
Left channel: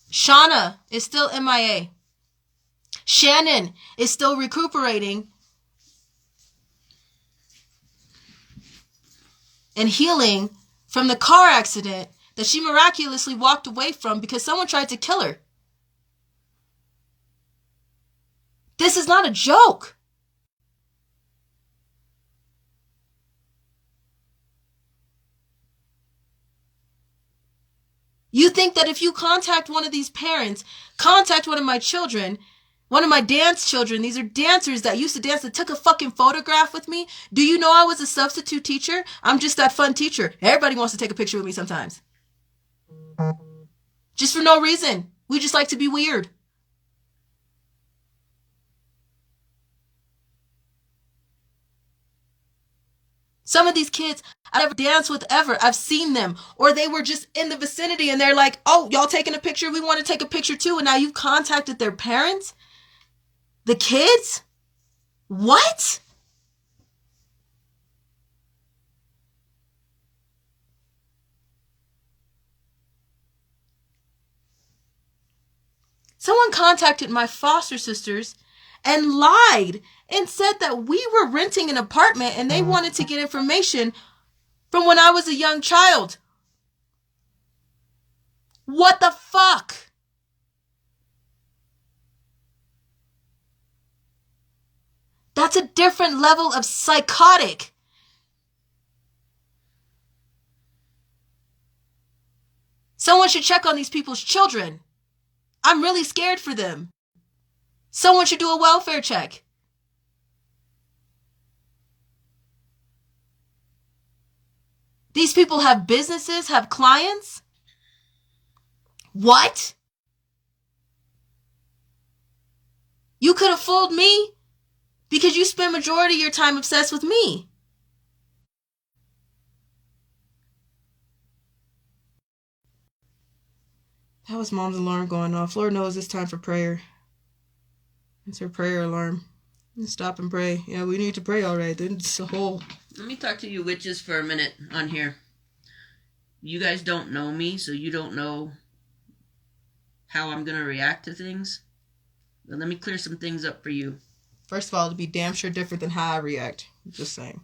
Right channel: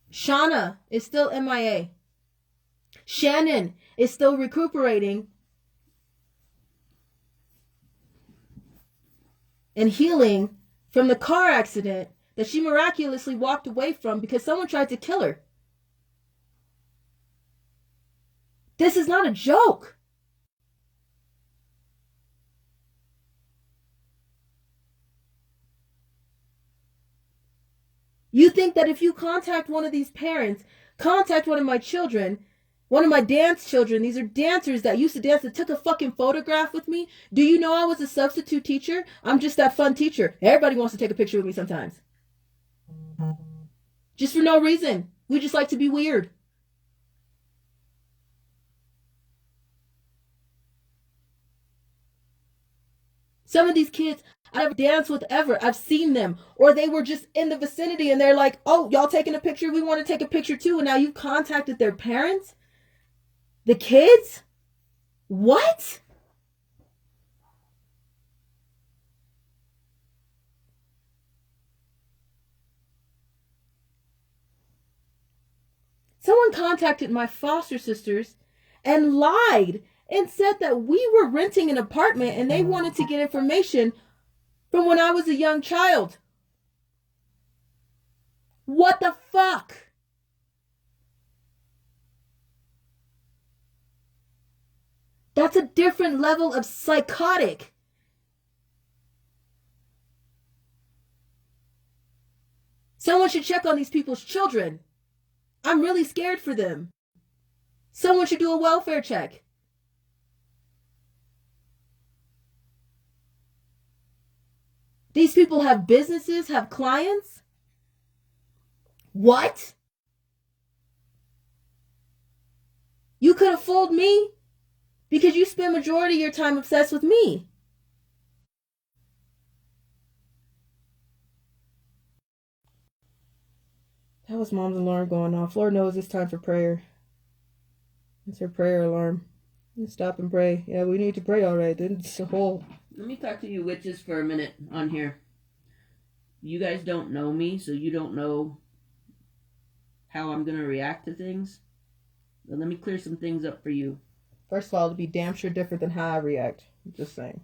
Shauna is still MIA. Shannon is still recuperating and healing from the car accident that she miraculously walked away from because someone tried to kill her. This is not a joke. You think that if you contact one of these parents, contact one of my children, one of my dance children, these are dancers that used to dance that took a fucking photograph with me. Do you know I was a substitute teacher? I'm just that fun teacher. Everybody wants to take a picture with me sometimes. Just for no reason. We just like to be weird. Some of these kids I never danced with ever. I've seen them. Or they were just in the vicinity and they're like, oh, y'all taking a picture? We want to take a picture too. And now you've contacted their parents? The kids? What? Someone contacted my foster sisters and lied and said that we were renting an apartment and they wanted to get information from when I was a young child. What the fuck? That's a different level of psychotic. Someone should check on these people's children. I'm really scared for them. Someone should do a welfare check. These people have businesses, have clients. What? You could have fooled me because you spend majority of your time obsessed with me. That was Mom's alarm going off. Lord knows it's time for prayer. It's her prayer alarm. Stop and pray. Yeah, we need to pray, all right. Then it's a whole... Let me talk to you witches for a minute on here. You guys don't know me, so you don't know how I'm going to react to things. But let me clear some things up for you. First of all, it'd be damn sure different than how I react. Just saying.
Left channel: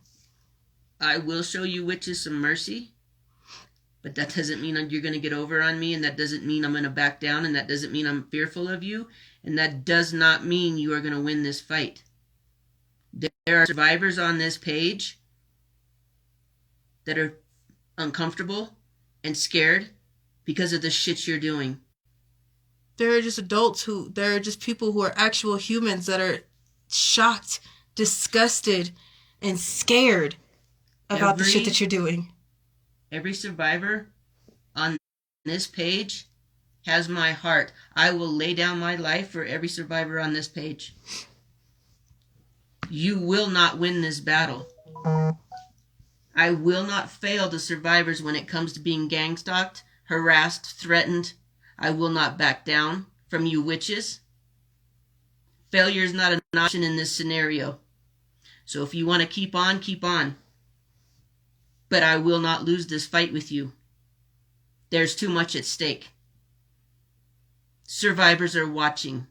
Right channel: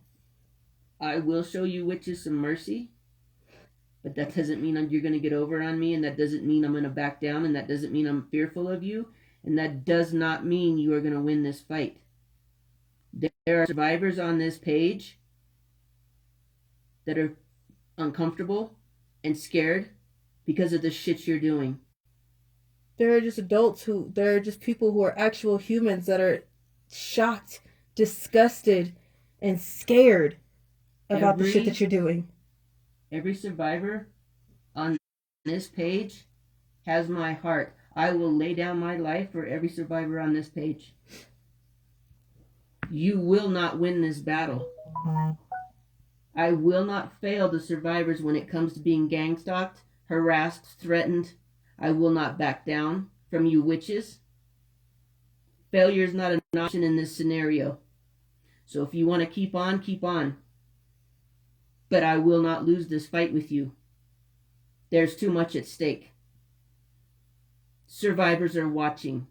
I will show you witches some mercy. But that doesn't mean you're going to get over on me, and that doesn't mean I'm going to back down, and that doesn't mean I'm fearful of you, and that does not mean you are going to win this fight. There are survivors on this page that are uncomfortable and scared because of the shit you're doing. There are just there are just people who are actual humans that are shocked, disgusted, and scared about the shit that you're doing. Every survivor on this page has my heart. I will lay down my life for every survivor on this page. You will not win this battle. I will not fail the survivors when it comes to being gang stalked, harassed, threatened. I will not back down from you witches. Failure is not an option in this scenario. So if you want to keep on, keep on. But I will not lose this fight with you. There's too much at stake. Survivors are watching.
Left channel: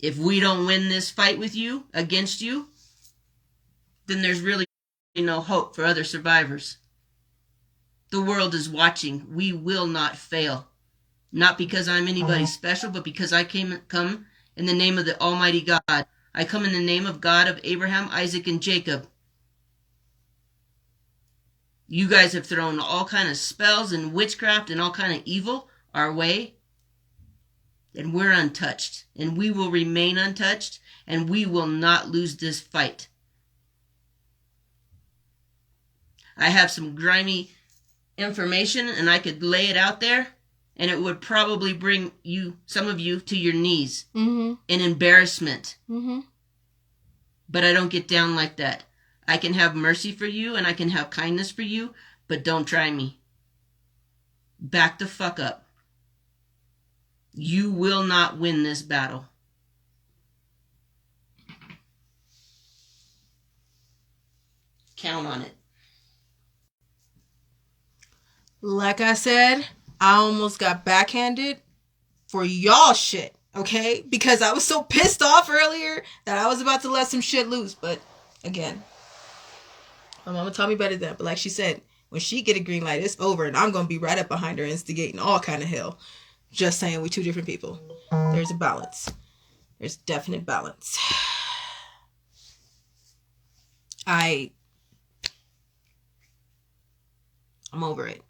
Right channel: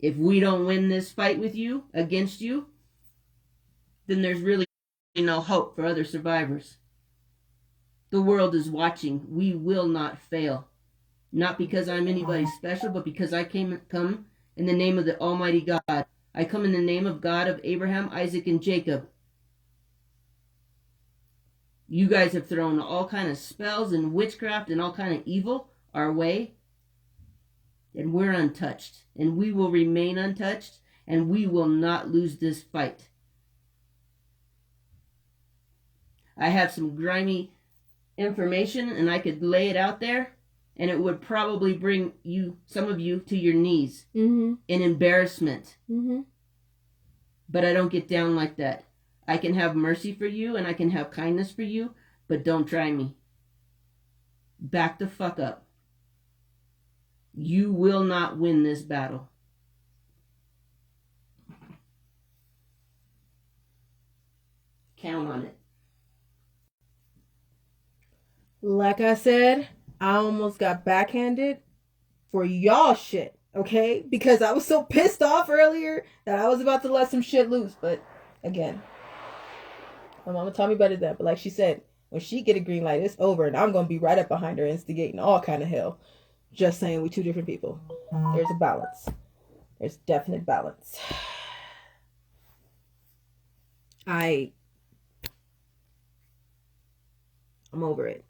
If we don't win this fight with you, against you, then there's really no hope for other survivors. The world is watching. We will not fail. Not because I'm anybody special, but because I come in the name of the Almighty God. I come in the name of God of Abraham, Isaac, and Jacob. You guys have thrown all kind of spells and witchcraft and all kind of evil our way. And we're untouched. And we will remain untouched. And we will not lose this fight. I have some grimy information and I could lay it out there. And it would probably bring you, some of you, to your knees in embarrassment. But I don't get down like that. I can have mercy for you and I can have kindness for you, but don't try me. Back the fuck up. You will not win this battle. Count on it. Like I said, I almost got backhanded for y'all shit, okay? Because I was so pissed off earlier that I was about to let some shit loose. But again, my mama taught me better than that. But like she said, when she get a green light, it's over. And I'm going to be right up behind her instigating all kind of hell. Just saying, we two different people. There's a balance. There's definite balance. I'm over it.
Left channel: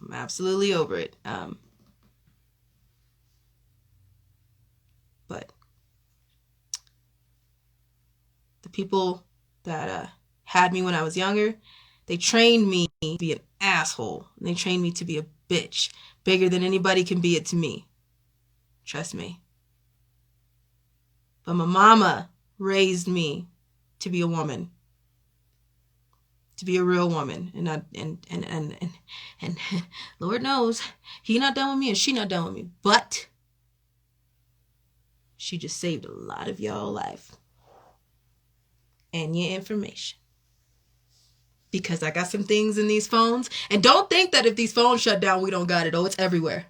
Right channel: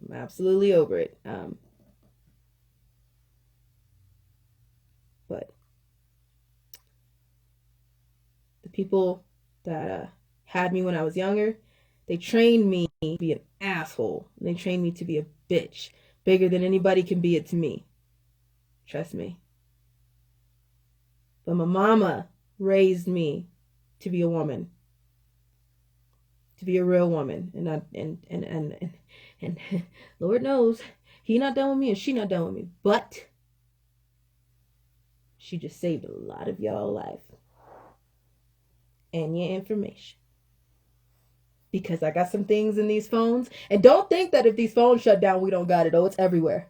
I'm absolutely over it. But the people that had me when I was younger, they trained me to be an asshole. And they trained me to be a bitch. Bigger than anybody can be it to me. Trust me. But my mama raised me to be a woman. To be a real woman. And Lord knows, he not done with me and she not done with me. But she just saved a lot of y'all life. And your information. Because I got some things in these phones. And don't think that if these phones shut down, we don't got it. Oh, it's everywhere.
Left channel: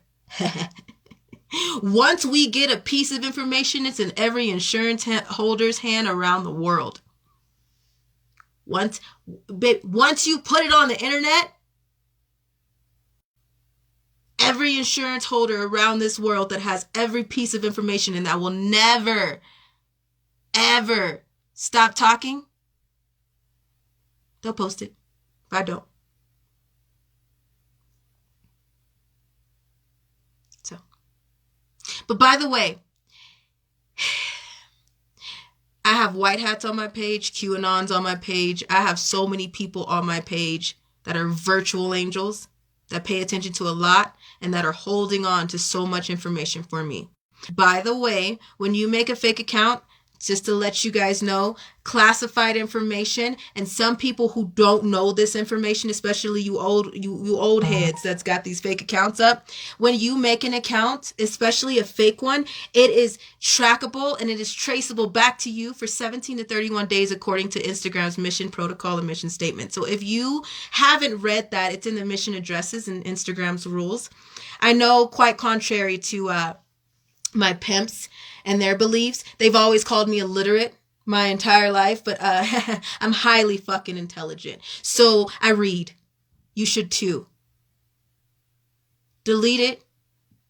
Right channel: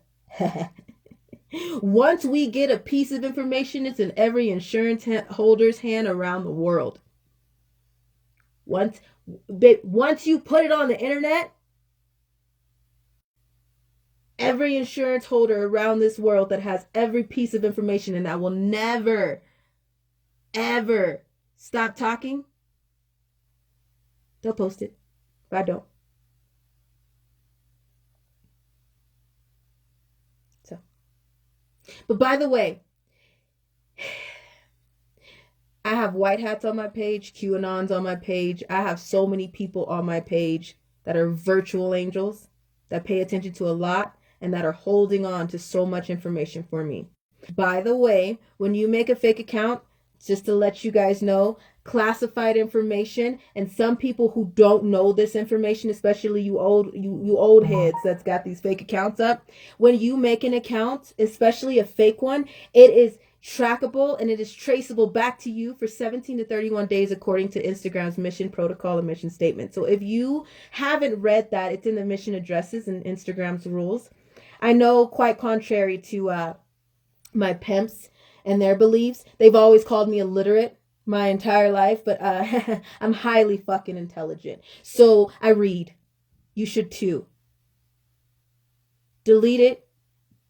Once we get a piece of information, it's in every insurance holder's hand around the world. Once you put it on the internet, every insurance holder around this world that has every piece of information and that will never, ever stop talking, they'll post it. If I don't. So. But by the way, I have white hats on my page, QAnons on my page. I have so many people on my page that are virtual angels. that pay attention to a lot and that are holding on to so much information for me. By the way, when you make a fake account, just to let you guys know, classified information, and some people who don't know this information, especially you old heads that's got these fake accounts up, when you make an account, especially a fake one, it is trackable and it is traceable back to you for 17 to 31 days according to Instagram's mission protocol and mission statement. So if you haven't read that, it's in the mission addresses and Instagram's rules. I know, quite contrary to my pimps and their beliefs, they've always called me illiterate my entire life, but I'm highly fucking intelligent. So I read. You should too. Delete it.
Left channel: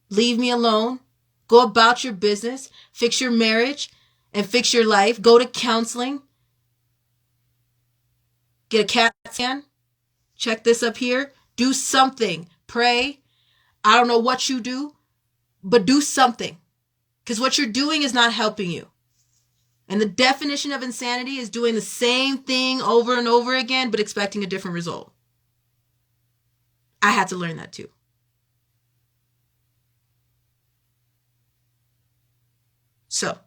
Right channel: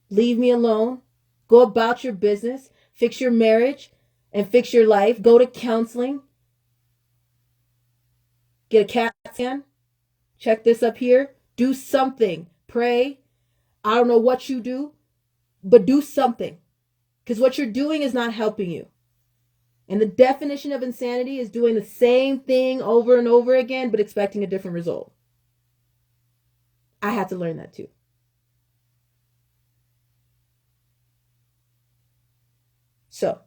Leave me alone. Go about your business. Fix your marriage and fix your life. Go to counseling. Get a CAT scan. Check this up here. Do something. Pray. I don't know what you do, but do something. Because what you're doing is not helping you. And the definition of insanity is doing the same thing over and over again, but expecting a different result. I had to learn that too. So,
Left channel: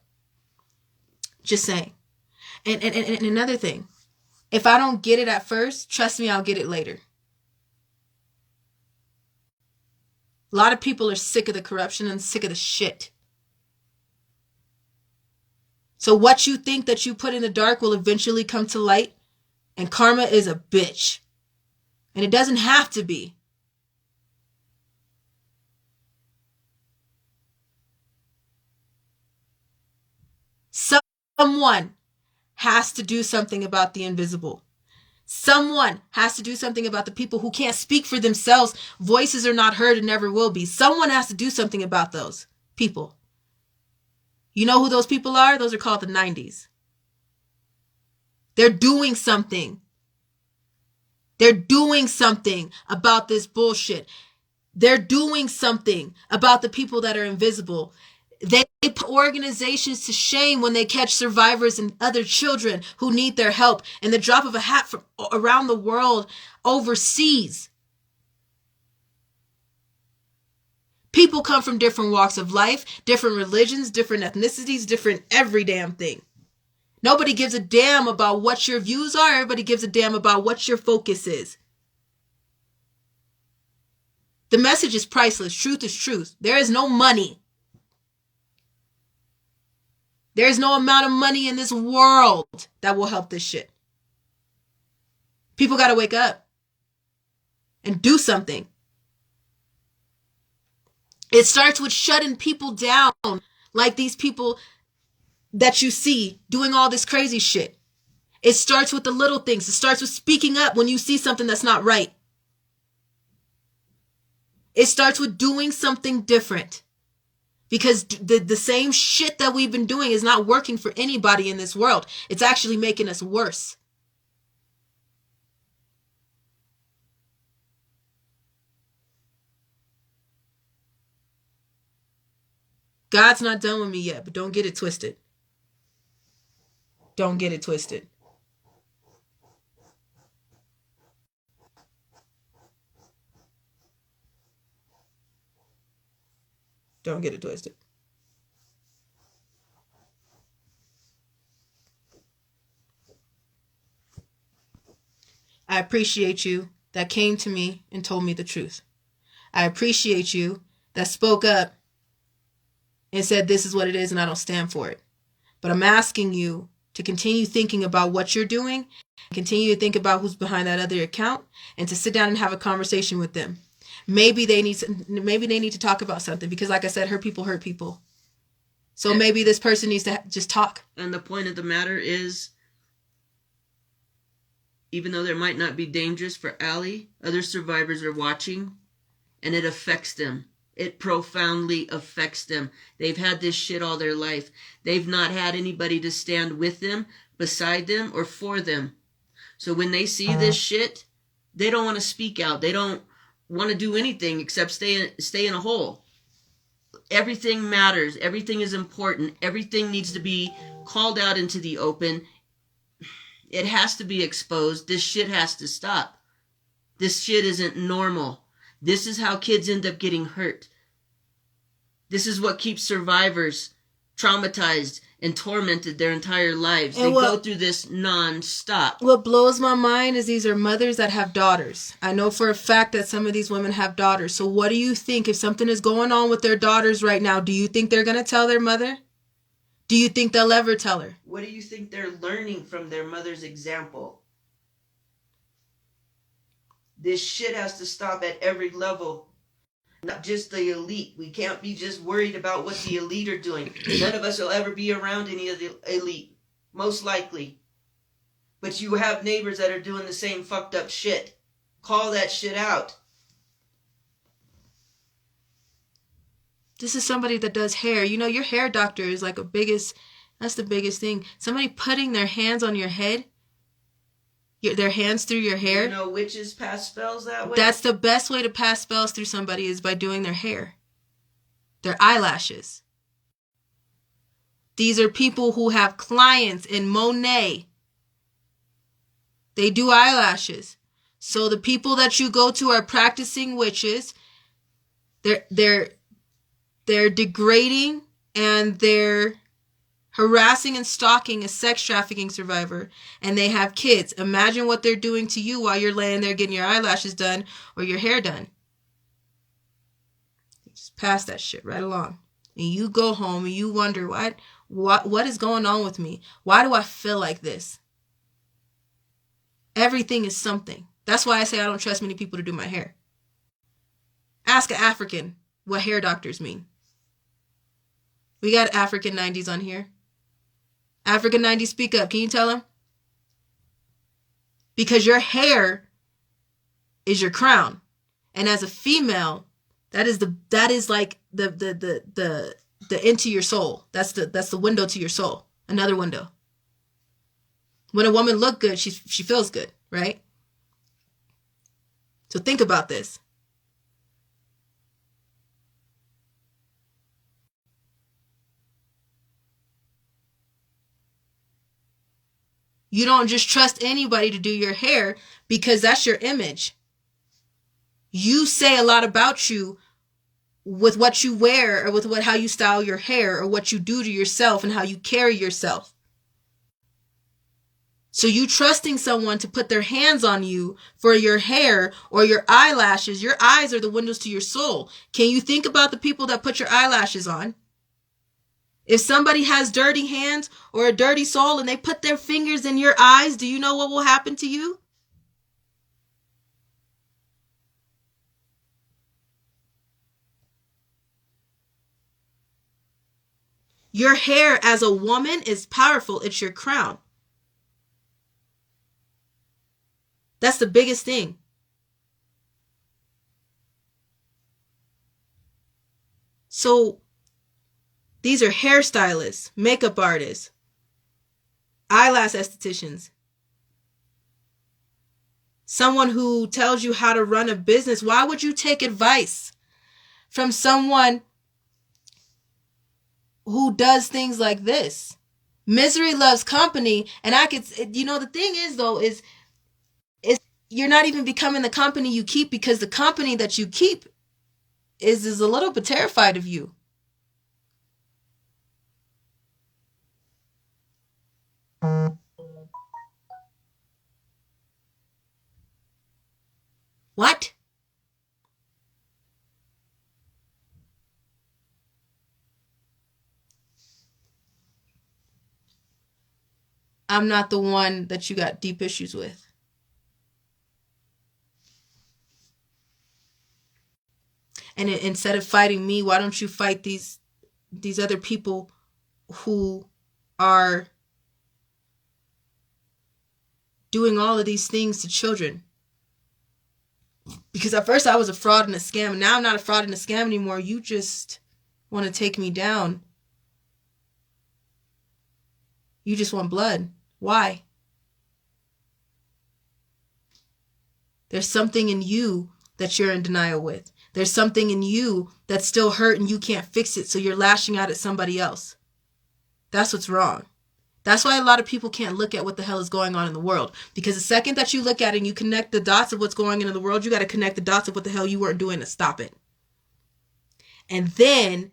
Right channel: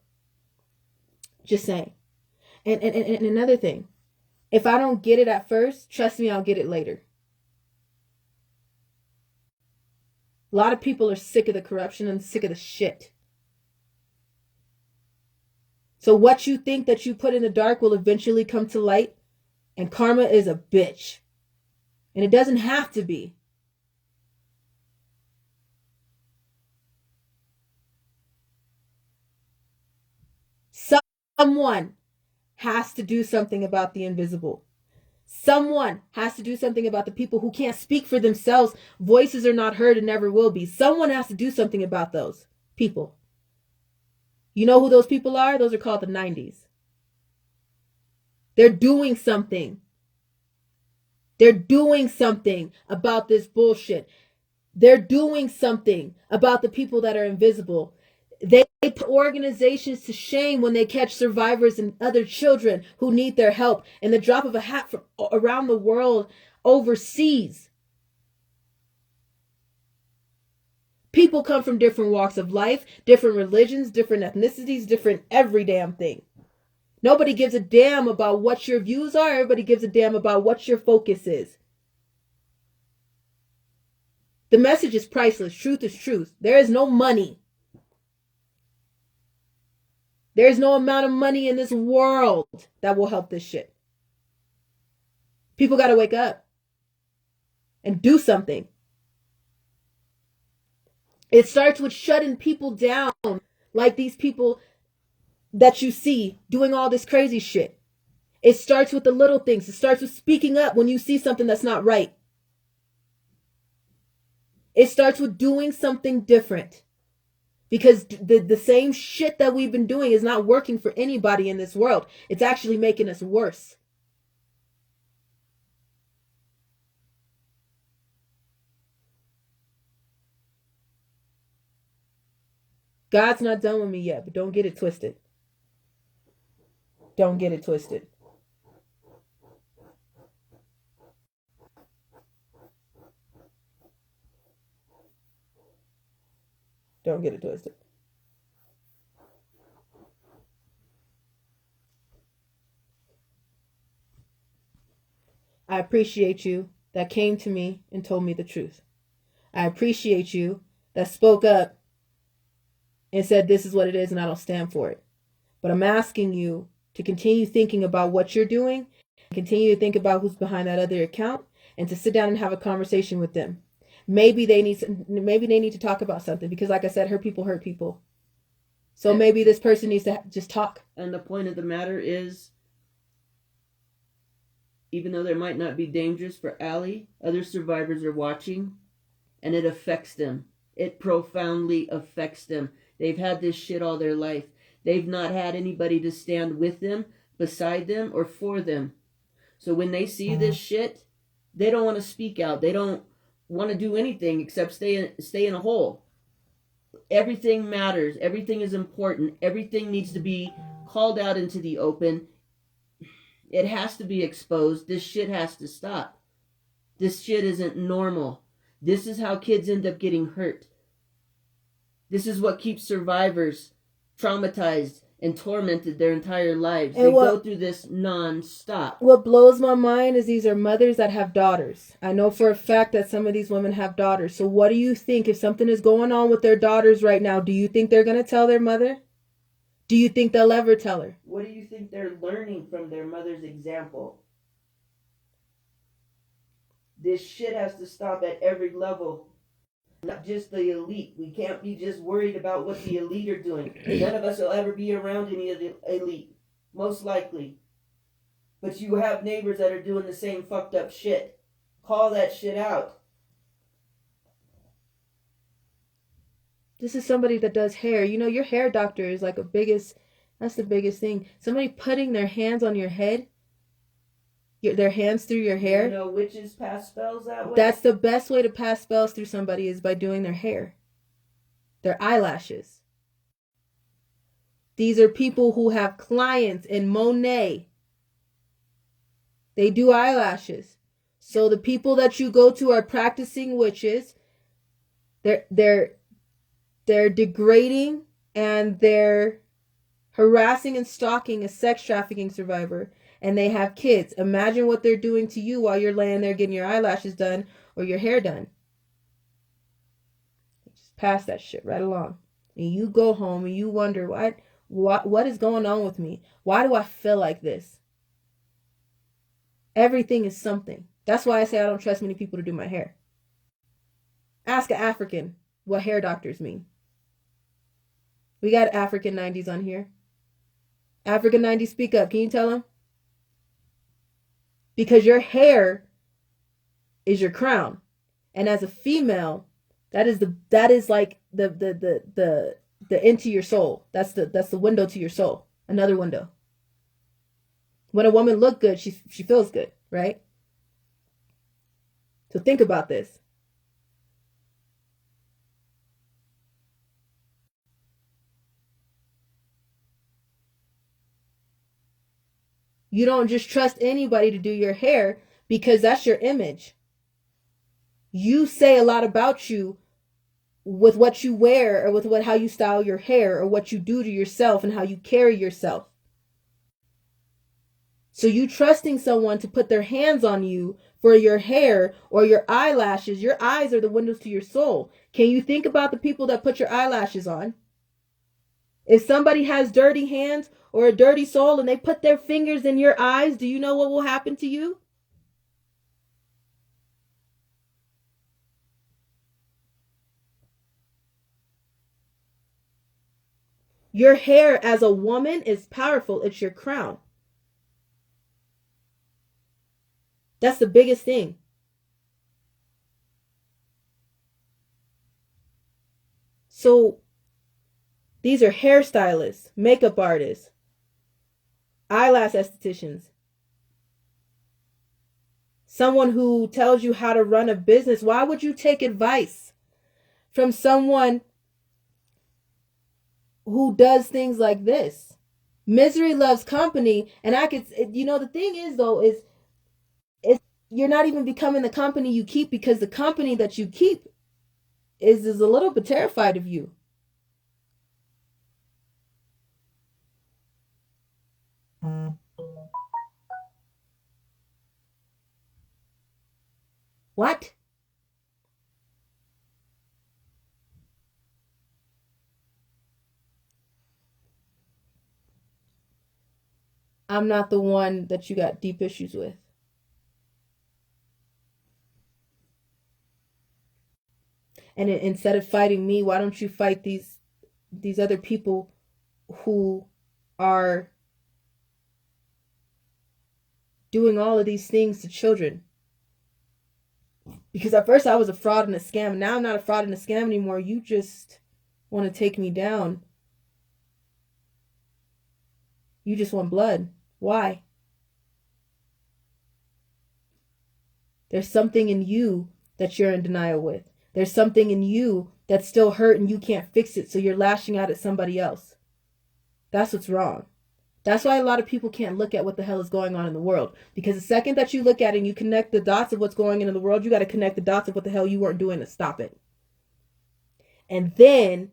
just saying. And another thing, if I don't get it at first, trust me, I'll get it later. A lot of people are sick of the corruption and sick of the shit. So what you think that you put in the dark will eventually come to light. And karma is a bitch. And it doesn't have to be. Someone has to do something about the invisible. Someone has to do something about the people who can't speak for themselves. Voices are not heard and never will be. Someone has to do something about those people. You know who those people are? Those are called the 90s. They're doing something. They're doing something about this bullshit. They're doing something about the people that are invisible. They put organizations to shame when they catch survivors and other children who need their help in the drop of a hat from around the world overseas. People come from different walks of life, different religions, different ethnicities, different every damn thing. Nobody gives a damn about what your views are. Everybody gives a damn about what your focus is. The message is priceless. Truth is truth. There is no money. There is no amount of money in this world that will help this shit. People got to wake up and do something. It starts with shutting people down, like these people that you see doing all this crazy shit. It starts with the little things. It starts with speaking up when you see something that's not right. It starts with doing something different. Because the same shit that we've been doing is not working for anybody in this world. It's actually making us worse. God's not done with me yet, but don't get it twisted. Don't get it twisted. Don't get it twisted. I appreciate you that came to me and told me the truth. I appreciate you that spoke up and said this is what it is and I don't stand for it. But I'm asking you to continue thinking about what you're doing, continue to think about who's behind that other account, and to sit down and have a conversation with them. Maybe they need to talk about something because, like I said, hurt people. So maybe this person needs to just talk. And the point of the matter is, even though there might not be dangers for Allie, other survivors are watching, and it affects them. It profoundly affects them. They've had this shit all their life. They've not had anybody to stand with them, beside them, or for them. So when they see this shit, they don't want to speak out. They don't want to do anything except stay in a hole. Everything matters. Everything is important. Everything needs to be called out into the open. It has to be exposed. This shit has to stop. This shit isn't normal. This is how kids end up getting hurt. This is what keeps survivors traumatized and tormented their entire lives. They go through this non-stop. What blows my mind is these are mothers that have daughters. I know for a fact that some of these women have daughters. So what do you think if something is going on with their daughters right now? Do you think they're going to tell their mother? Do you think they'll ever tell her? What do you think they're learning from their mother's example? This shit has to stop at every level. Not just the elite. We can't be just worried about what the elite are doing. None of us will ever be around any of the elite. Most likely. But you have neighbors that are doing the same fucked up shit. Call that shit out. This is somebody that does hair. You know, your hair doctor is like that's the biggest thing. Somebody putting their hands on your head. Their hands through your hair. You know witches pass spells that way? That's the best way to pass spells through somebody is by doing their hair. Their eyelashes. These are people who have clients in Monet. They do eyelashes. So the people that you go to are practicing witches. They're degrading and they're harassing and stalking a sex trafficking survivor, and they have kids. Imagine what they're doing to you while you're laying there getting your eyelashes done or your hair done. Just pass that shit right along. And you go home and you wonder, what is going on with me? Why do I feel like this? Everything is something. That's why I say I don't trust many people to do my hair. Ask an African what hair doctors mean. We got African 90s on here. African 90s, speak up. Can you tell them? Because your hair is your crown. And as a female, that is like the into your soul. That's the window to your soul. Another window. When a woman looks good, she feels good, right? So think about this. You don't just trust anybody to do your hair because that's your image. You say a lot about you with what you wear or with how you style your hair or what you do to yourself and how you carry yourself. So you trusting someone to put their hands on you for your hair or your eyelashes. Your eyes are the windows to your soul. Can you think about the people that put your eyelashes on? If somebody has dirty hands or a dirty soul and they put their fingers in your eyes, do you know what will happen to you? Your hair as a woman is powerful. It's your crown. That's the biggest thing. So these are hairstylists, makeup artists, eyelash estheticians, someone who tells you how to run a business. Why would you take advice from someone who does things like this? Misery loves company. And the thing is though, is you're not even becoming the company you keep because the company that you keep is a little bit terrified of you. What? I'm not the one that you got deep issues with. And instead of fighting me, why don't you fight these other people who are doing all of these things to children? Because at first I was a fraud and a scam, and now I'm not a fraud and a scam anymore. You just want to take me down. You just want blood. Why? There's something in you that you're in denial with. There's something in you that's still hurt and you can't fix it, so you're lashing out at somebody else. That's what's wrong. That's why a lot of people can't look at what the hell is going on in the world. Because the second that you look at it and you connect the dots of what's going on in the world, you got to connect the dots of what the hell you weren't doing to stop it. And then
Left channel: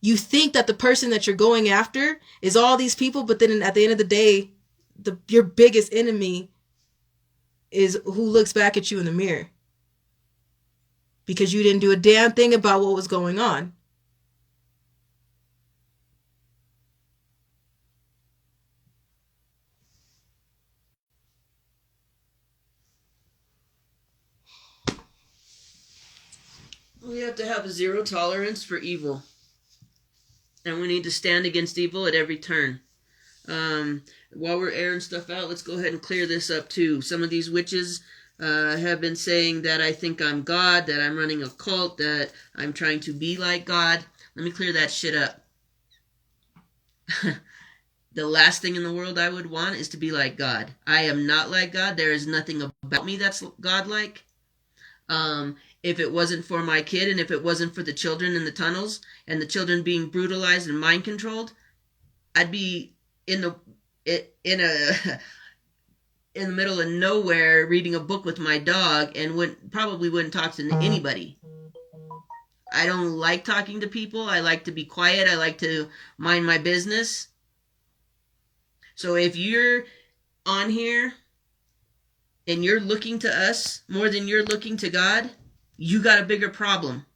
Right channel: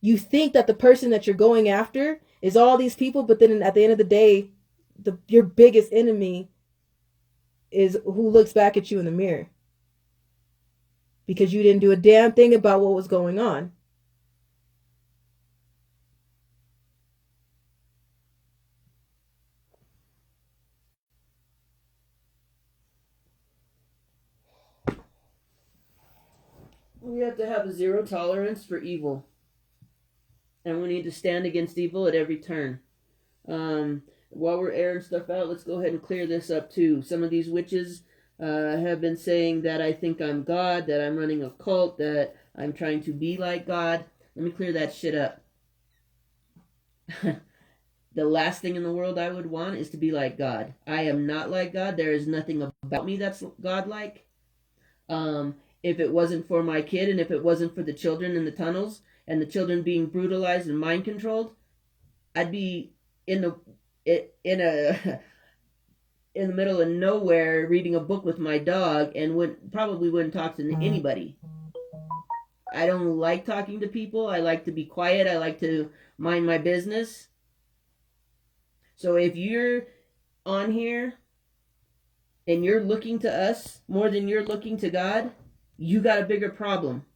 you think that the person that you're going after is all these people, but then at the end of the day, your biggest enemy is who looks back at you in the mirror. Because you didn't do a damn thing about what was going on. We have to have a zero tolerance for evil. And we need to stand against evil at every turn. While we're airing stuff out, let's go ahead and clear this up too. Some of these witches have been saying that I think I'm God, that I'm running a cult, that I'm trying to be like God. Let me clear that shit up. The last thing in the world I would want is to be like God. I am not like God. There is nothing about me that's God-like. If it wasn't for my kid and if it wasn't for the children in the tunnels and the children being brutalized and mind controlled, I'd be in the middle of nowhere reading a book with my dog and probably wouldn't talk to anybody. I don't like talking to people. I like to be quiet. I like to mind my business. So if you're on here and you're looking to us more than you're looking to God, you got a bigger problem.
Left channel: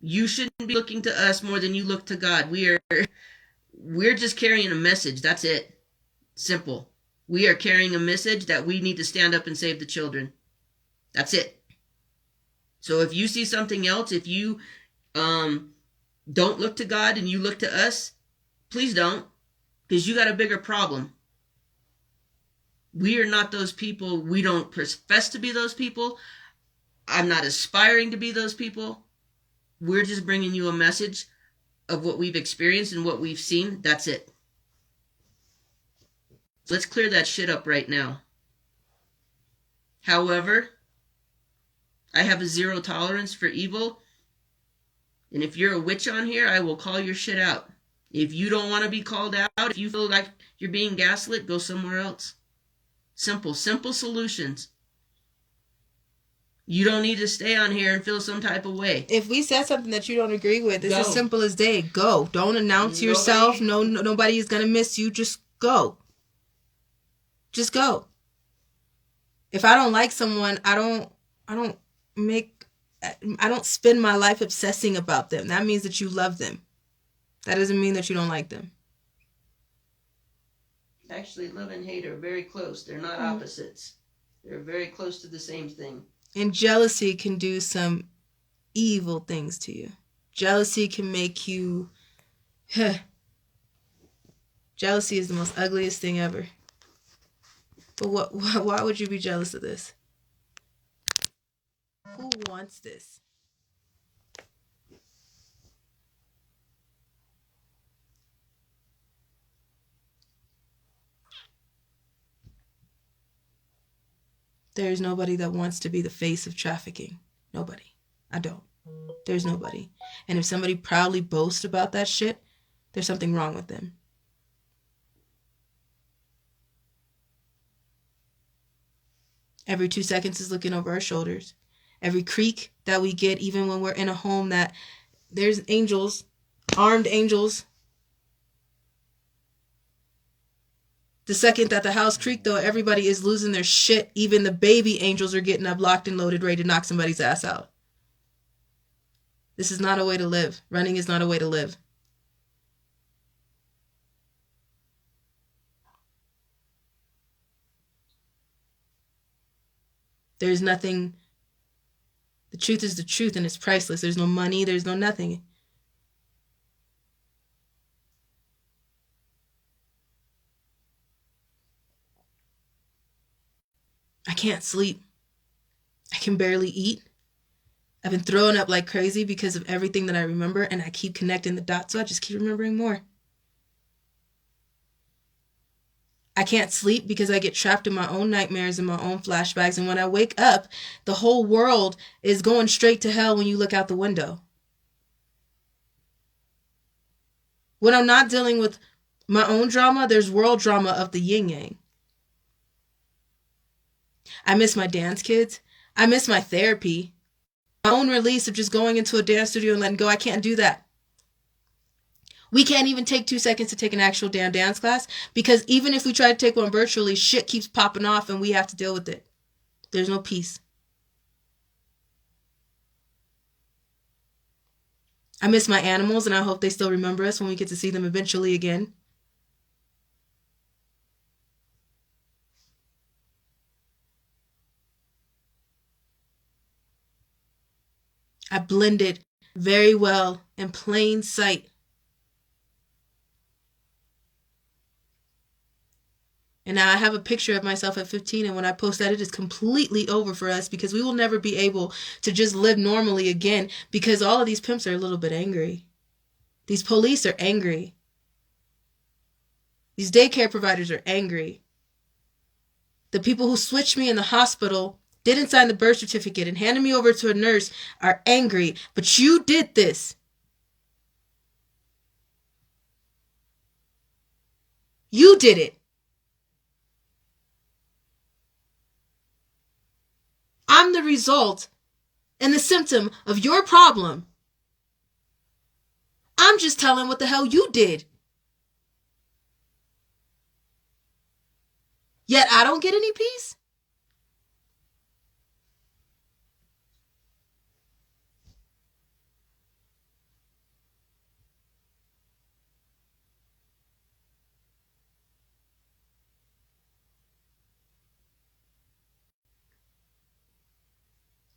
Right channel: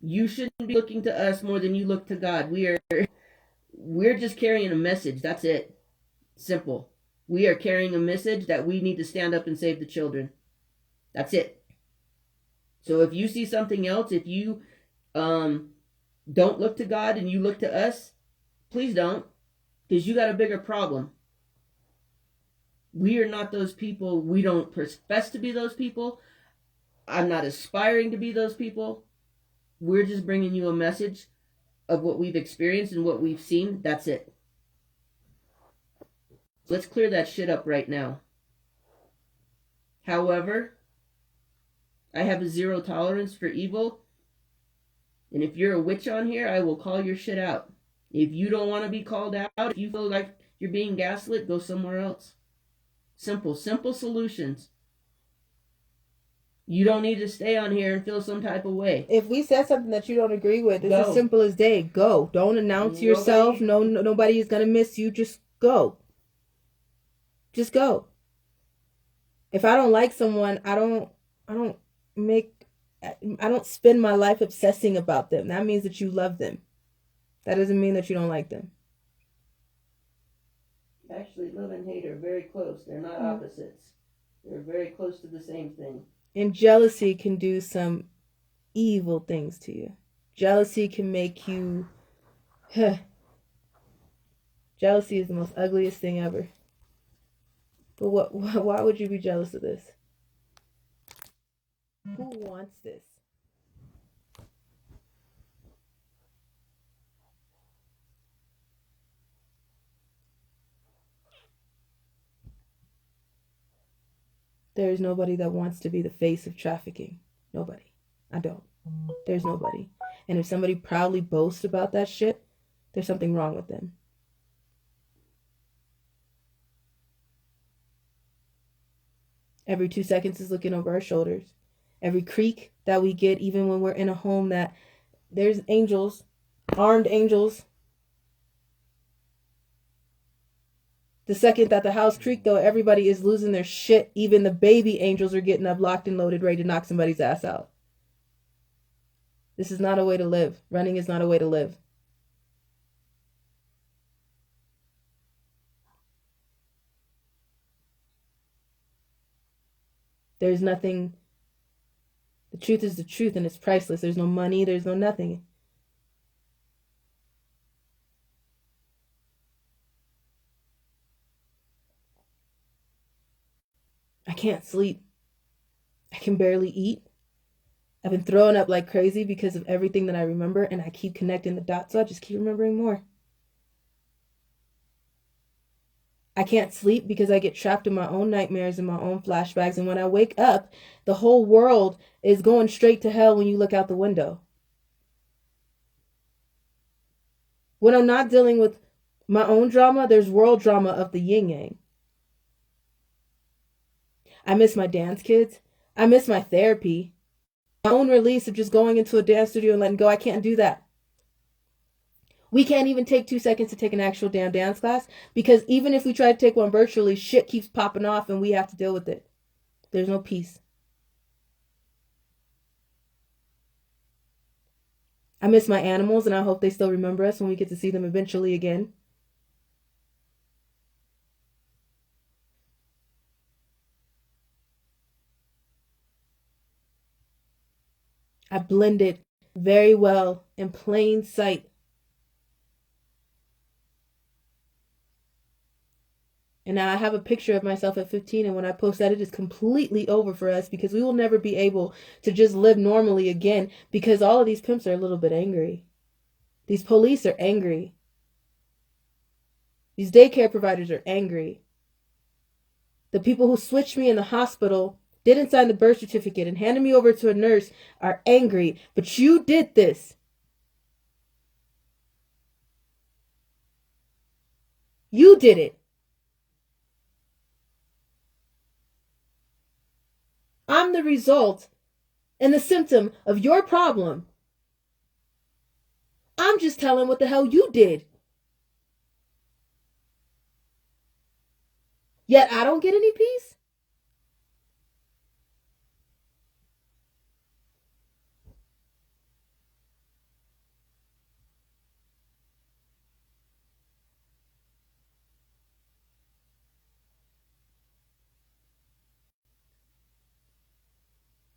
You shouldn't be looking to us more than you look to God. We're just carrying a message. That's it. Simple. We are carrying a message that we need to stand up and save the children. That's it. So if you see something else, if you don't look to God and you look to us, please don't, because you got a bigger problem. We are not those people. We don't profess to be those people. I'm not aspiring to be those people. We're just bringing you a message of what we've experienced and what we've seen. That's it. Let's clear that shit up right now. However, I have a zero tolerance for evil. And if you're a witch on here, I will call your shit out. If you don't want to be called out, if you feel like you're being gaslit, go somewhere else. Simple solutions. You don't need to stay on here and feel some type of way. If we said something that you don't agree with, it's as simple as day. Go. Don't announce yourself. Nobody is going to miss you. Just go. Just go. If I don't like someone, I don't spend my life obsessing about them. That means that you love them. That doesn't mean that you don't like them. Actually, love and hate are very close. They're not opposites. They're very close to the same thing. And jealousy can do some evil things to you. Jealousy can make you... Jealousy is the most ugliest thing ever. But why would you be jealous of this? Who wants this? There's nobody that wants to be the face of trafficking. Nobody. I don't. There's nobody. And if somebody proudly boasts about that shit, there's something wrong with them. Every 2 seconds is looking over our shoulders. Every creak that we get, even when we're in a home that there's angels, armed angels. The second that the house creaked, though, everybody is losing their shit. Even the baby angels are getting up, locked and loaded, ready to knock somebody's ass out. This is not a way to live. Running is not a way to live. There's nothing. The truth is the truth, and it's priceless. There's no money. There's no nothing. I can't sleep. I can barely eat. I've been throwing up like crazy because of everything that I remember, and I keep connecting the dots, so I just keep remembering more. I can't sleep because I get trapped in my own nightmares and my own flashbacks, and when I wake up, the whole world is going straight to hell when you look out the window. When I'm not dealing with My own drama, there's world drama of the yin yang. I miss my dance kids. I miss my therapy. My own release of just going into a dance studio and letting go. I can't do that. We can't even take 2 seconds to take an actual damn dance class because even if we try to take one virtually, shit keeps popping off and we have to deal with it. There's no peace. I miss my animals and I hope they still remember us when we get to see them eventually again. I blended very well in plain sight. And now I have a picture of myself at 15, and when I post that, it is completely over for us because we will never be able to just live normally again because all of these pimps are a little bit angry. These police are angry. These daycare providers are angry. The people who switched me in the hospital, didn't sign the birth certificate, and handed me over to a nurse are angry. But you did this. You did it. I'm the result and the symptom of your problem. I'm just telling what the hell you did. Yet I don't get any peace?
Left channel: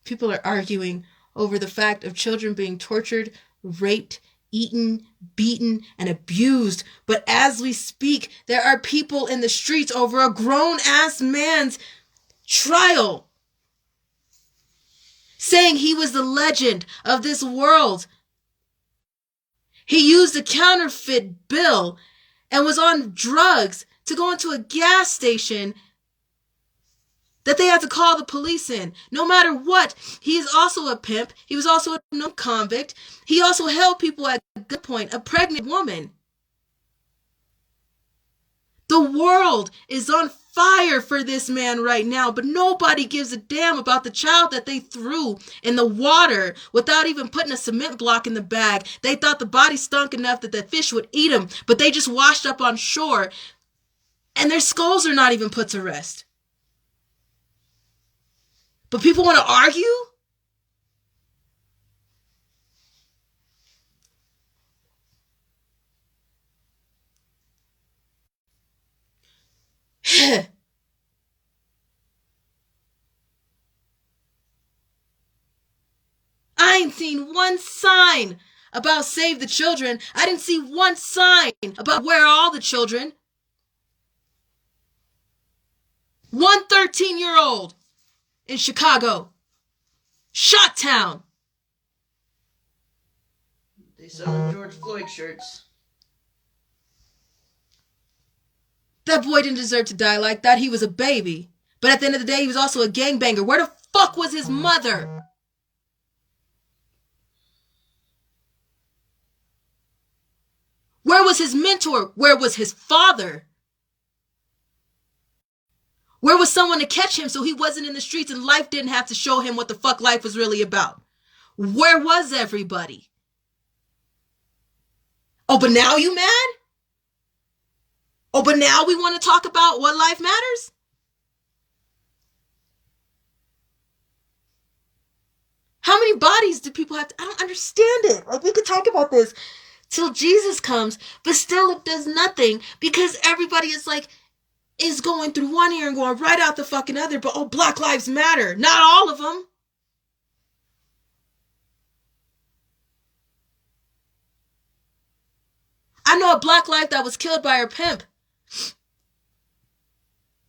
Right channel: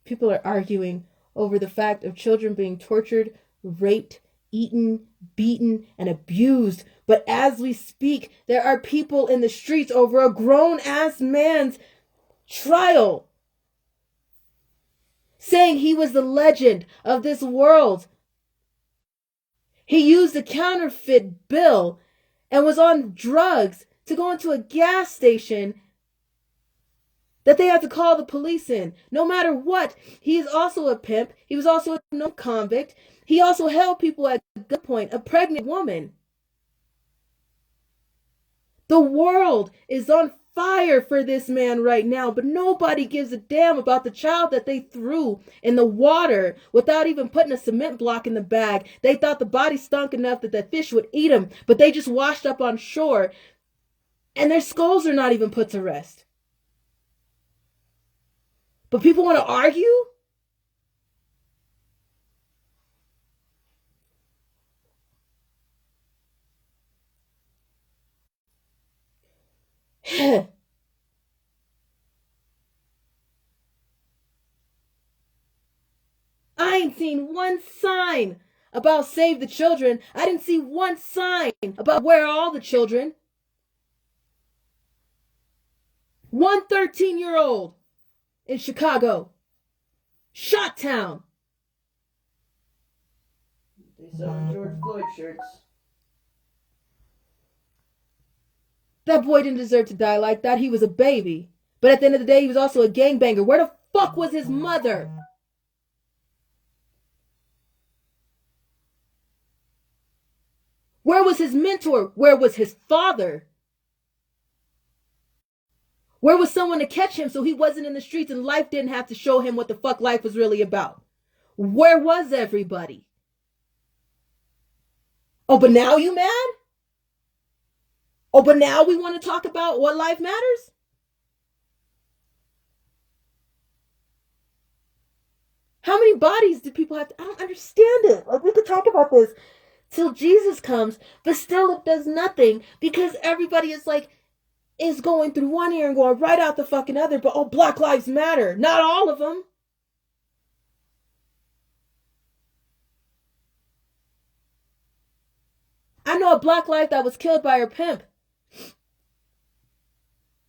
People are arguing over the fact of children being tortured, raped, eaten, beaten, and abused. But as we speak, there are people in the streets over a grown-ass man's trial, saying he was the legend of this world. He used a counterfeit bill and was on drugs to go into a gas station that they had to call the police in. No matter what, he's also a pimp. He was also a known convict. He also held people at gunpoint, a pregnant woman. The world is on fire for this man right now, but nobody gives a damn about the child that they threw in the water without even putting a cement block in the bag. They thought the body stunk enough that the fish would eat him, but they just washed up on shore, and their skulls are not even put to rest. But people want to argue? I ain't seen one sign about Save the Children. I didn't see one sign about where are all the children. One 13-year-old in Chicago. Shot-town. They selling George Floyd shirts. That boy didn't deserve to die like that. He was a baby. But at the end of the day, he was also a gangbanger. Where the fuck was his mother? Where was his mentor? Where was his father? Where was someone to catch him so he wasn't in the streets and life didn't have to show him what the fuck life was really about? Where was everybody? Oh, but now you mad? Oh, but now we want to talk about what life matters? How many bodies do people have to? I don't understand it. Like, we could talk about this till Jesus comes, but still it does nothing because everybody is going through one ear and going right out the fucking other, but oh, Black Lives Matter. Not all of them. I know a Black life that was killed by her pimp.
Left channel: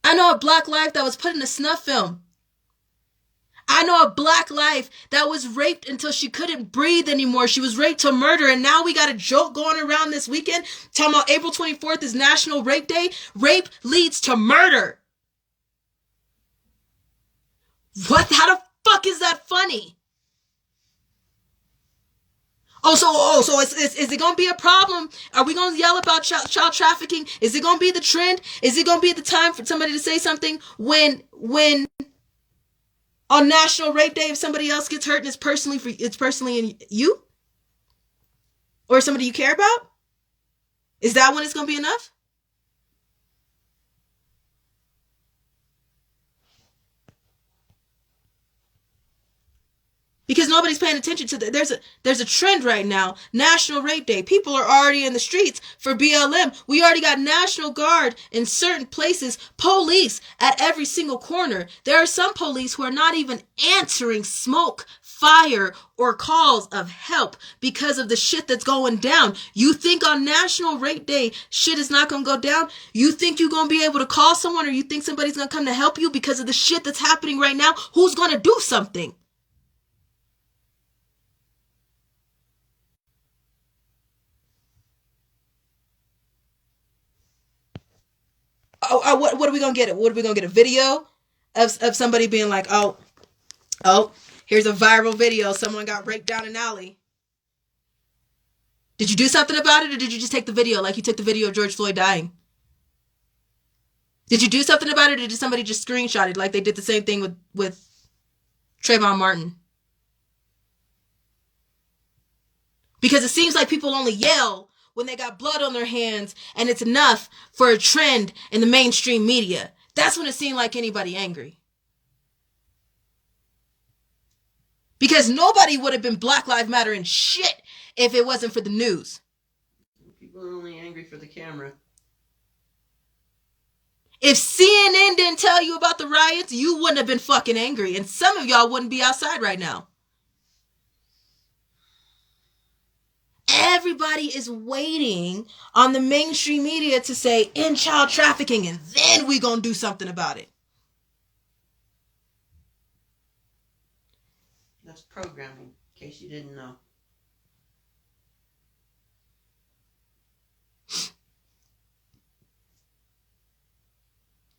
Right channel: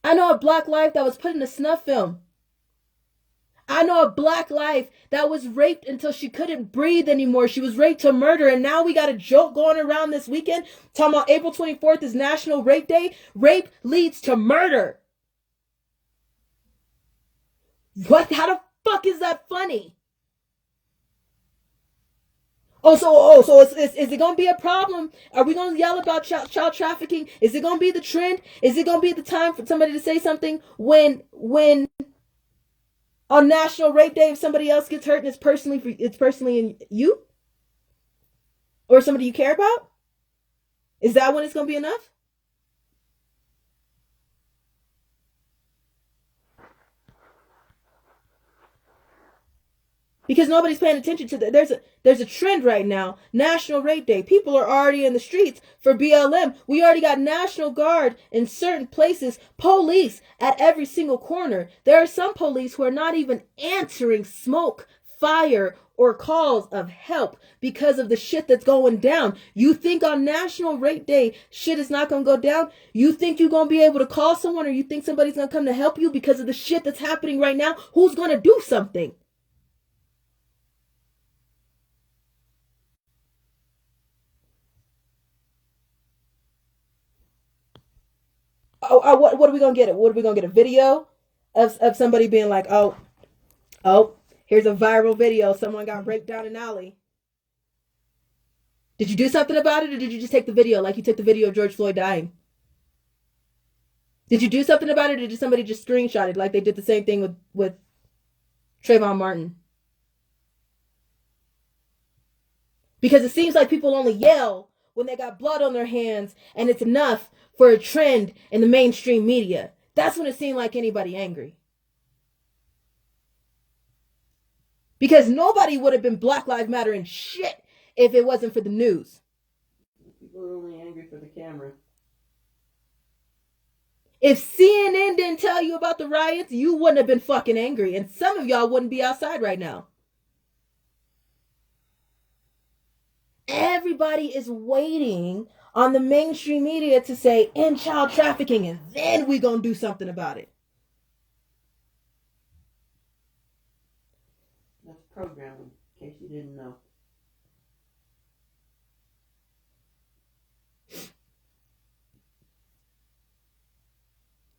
I know a Black life that was put in a snuff film. I know a Black life that was raped until she couldn't breathe anymore. She was raped to murder, and now we got a joke going around this weekend talking about April 24th is National Rape Day. Rape leads to murder. What? How the fuck is that funny? So is it going to be a problem? Are we going to yell about child trafficking? Is it going to be the trend? Is it going to be the time for somebody to say something when on National Rape Day, if somebody else gets hurt and it's personally in you or somebody you care about? Is that when it's going to be enough? Because nobody's paying attention to that. There's a trend right now. National Rape Day. People are already in the streets for BLM. We already got National Guard in certain places, police at every single corner. There are some police who are not even answering smoke, fire, or calls of help because of the shit that's going down. You think on National Rape Day shit is not going to go down? You think you're going to be able to call someone, or you think somebody's going to come to help you because of the shit that's happening right now? Who's going to do something? What are we gonna get? What are we gonna get? A video of somebody being like, oh, here's a viral video. Someone got raped down an alley. Did you do something about it, or did you just take the video like you took the video of George Floyd dying? Did you do something about it, or did somebody just screenshot it like they did the same thing with Trayvon Martin? Because it seems like people only yell when they got blood on their hands and it's enough for a trend in the mainstream media. That's when it seemed like anybody angry. Because nobody would have been Black Lives Matter and shit if it wasn't for the news. People are only angry for the camera. If CNN didn't tell you about the riots, you wouldn't have been fucking angry. And some of y'all wouldn't be outside right now. Everybody is waiting on the mainstream media to say end child trafficking, and then we gonna do something about it. That's programming, in case you didn't know.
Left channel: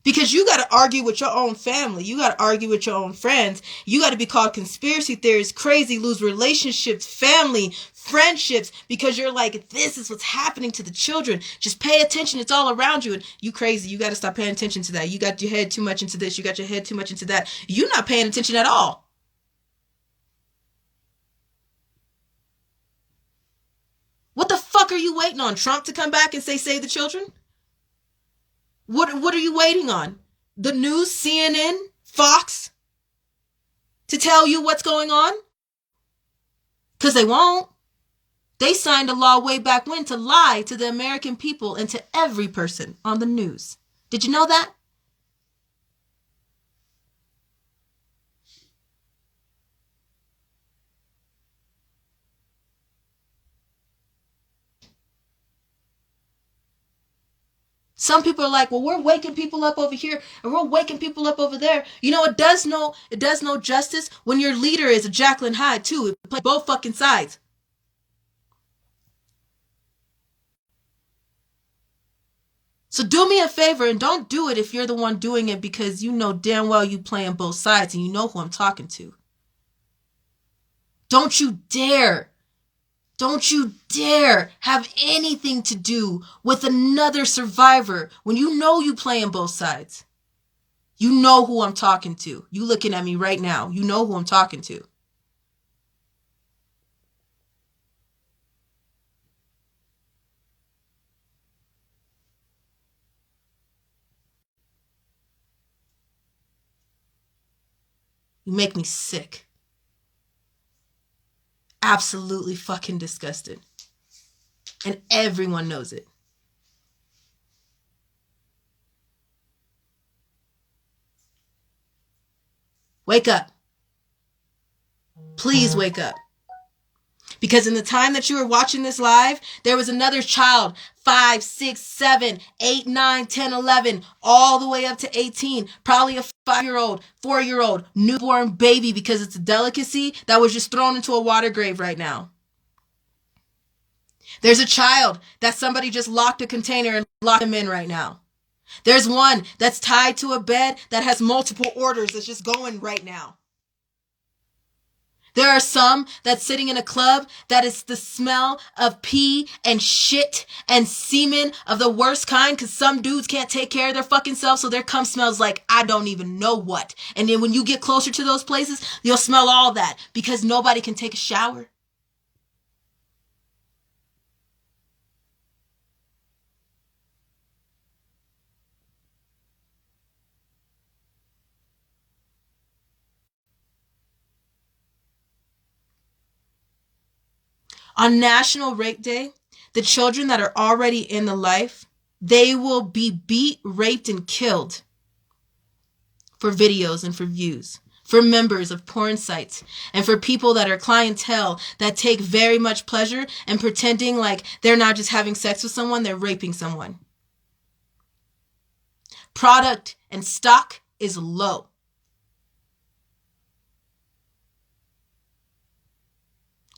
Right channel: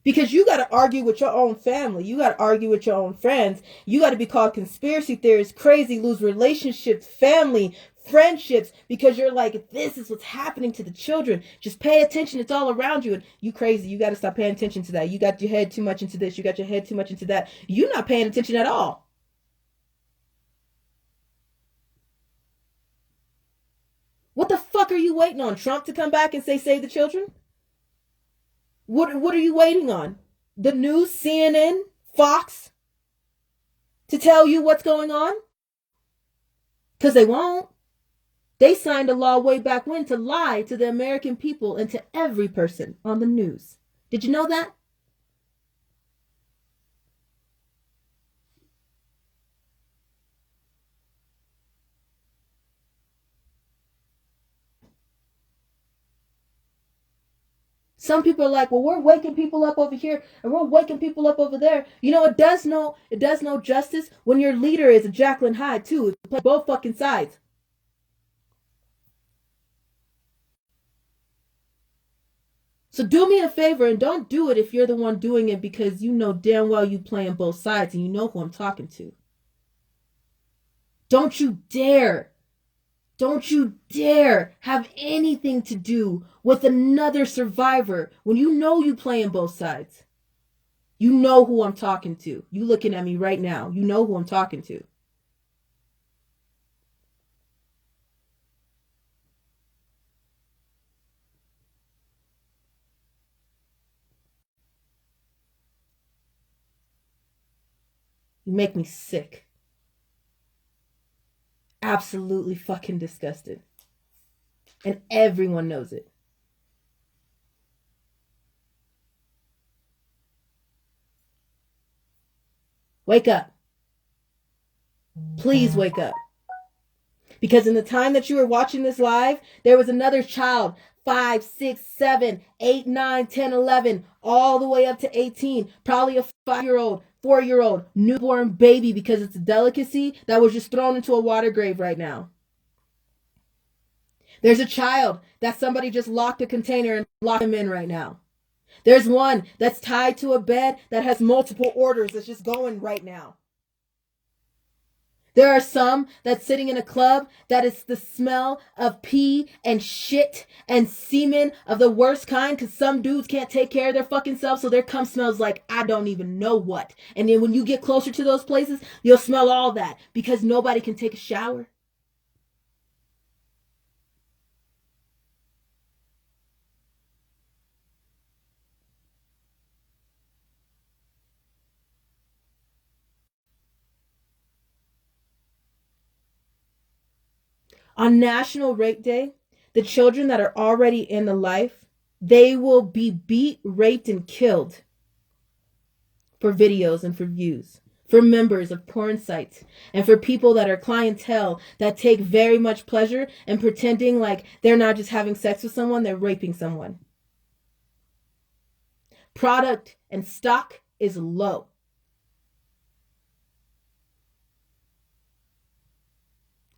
Because you got to argue with your own family. You got to argue with your own friends. You got to be called conspiracy theorists, crazy, lose relationships, family, friendships, because you're like, this is what's happening to the children. Just pay attention. It's all around you. And you crazy. You got to stop paying attention to that. You got your head too much into this. You got your head too much into that. You're not paying attention at all. What the fuck are you waiting on? Trump to come back and say, save the children? What are you waiting on? The news, CNN, Fox, to tell you what's going on? Because they won't. They signed a law way back when to lie to the American people and to every person on the news. Did you know that? Some people are like, well, we're waking people up over here and we're waking people up over there. You know, it does no justice when your leader is a Jacqueline Hyde too. It plays both fucking sides. So do me a favor and don't do it if you're the one doing it, because you know damn well you playing both sides and you know who I'm talking to. Don't you dare have anything to do with another survivor when you know you playing both sides. You know who I'm talking to. You looking at me right now. You know who I'm talking to. You make me sick. Absolutely fucking disgusted. And everyone knows it. Wake up. Please wake up. Because in the time that you were watching this live, there was another child, 5, 6, 7, 8, 9, 10, 11, all the way up to 18, probably a 5-year-old, 4-year-old, newborn baby, because it's a delicacy, that was just thrown into a water grave right now. There's a child that somebody just locked a container and locked him in right now. There's one that's tied to a bed that has multiple orders that's just going right now. There are some that's sitting in a club that is the smell of pee and shit and semen of the worst kind, because some dudes can't take care of their fucking selves, so their cum smells like I don't even know what. And then when you get closer to those places, you'll smell all that because nobody can take a shower. On National Rape Day, the children that are already in the life, they will be beat, raped, and killed for videos and for views, for members of porn sites, and for people that are clientele that take very much pleasure in pretending like they're not just having sex with someone, they're raping someone. Product and stock is low.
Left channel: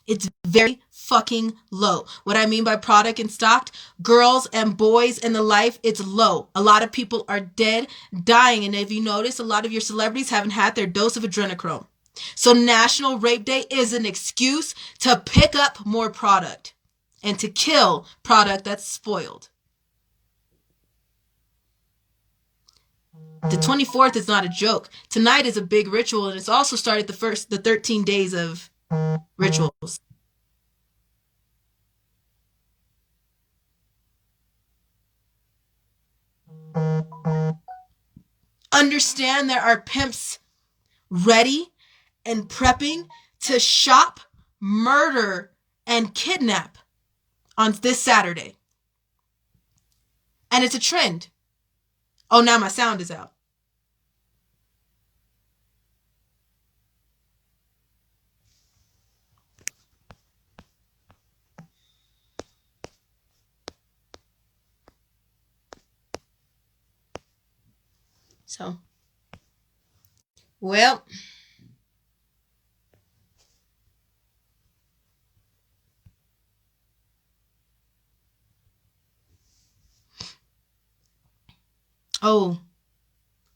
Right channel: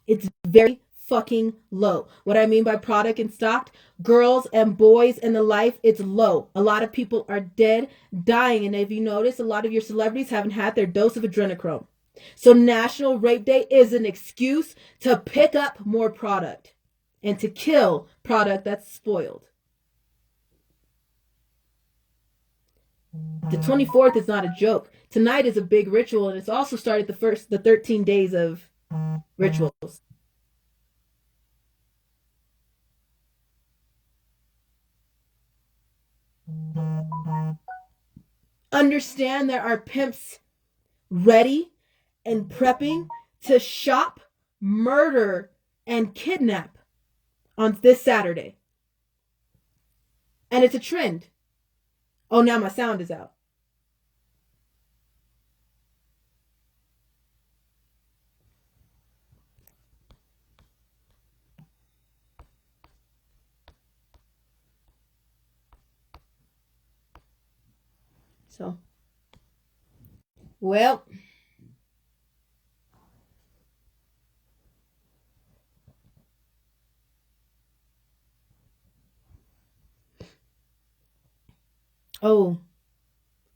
It's very fucking low. What I mean by product and stock, girls and boys in the life, it's low. A lot of people are dead, dying. And if you notice, a lot of your celebrities haven't had their dose of adrenochrome. So National Rape Day is an excuse to pick up more product and to kill product that's spoiled. The 24th is not a joke. Tonight is a big ritual, and it's also started the 13 days of rituals. Understand there are pimps ready and prepping to shop, murder, and kidnap on this Saturday. And it's a trend. Oh, now my sound is out. So, well, oh,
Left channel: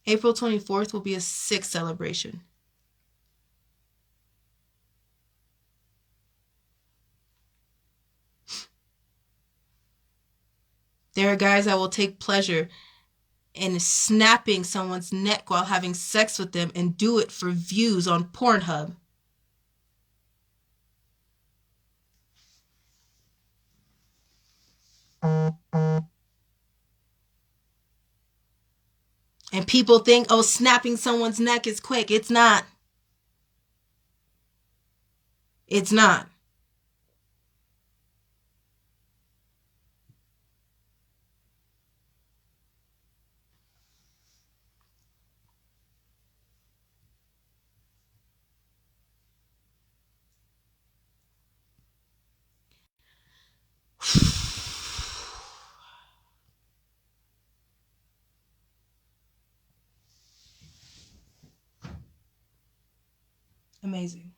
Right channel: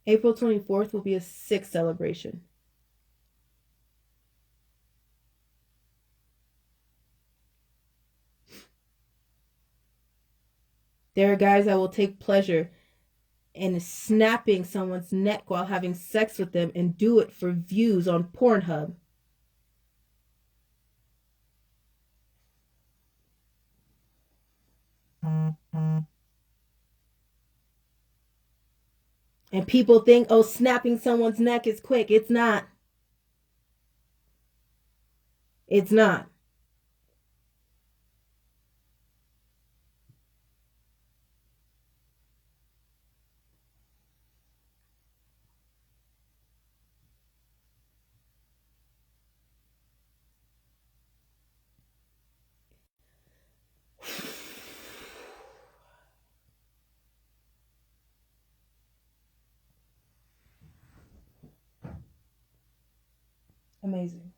April 24th will be a 6th celebration. There are guys that will take pleasure in snapping someone's neck while having sex with them and do it for views on Pornhub. And people think, oh, snapping someone's neck is quick. It's not. It's not. Amazing.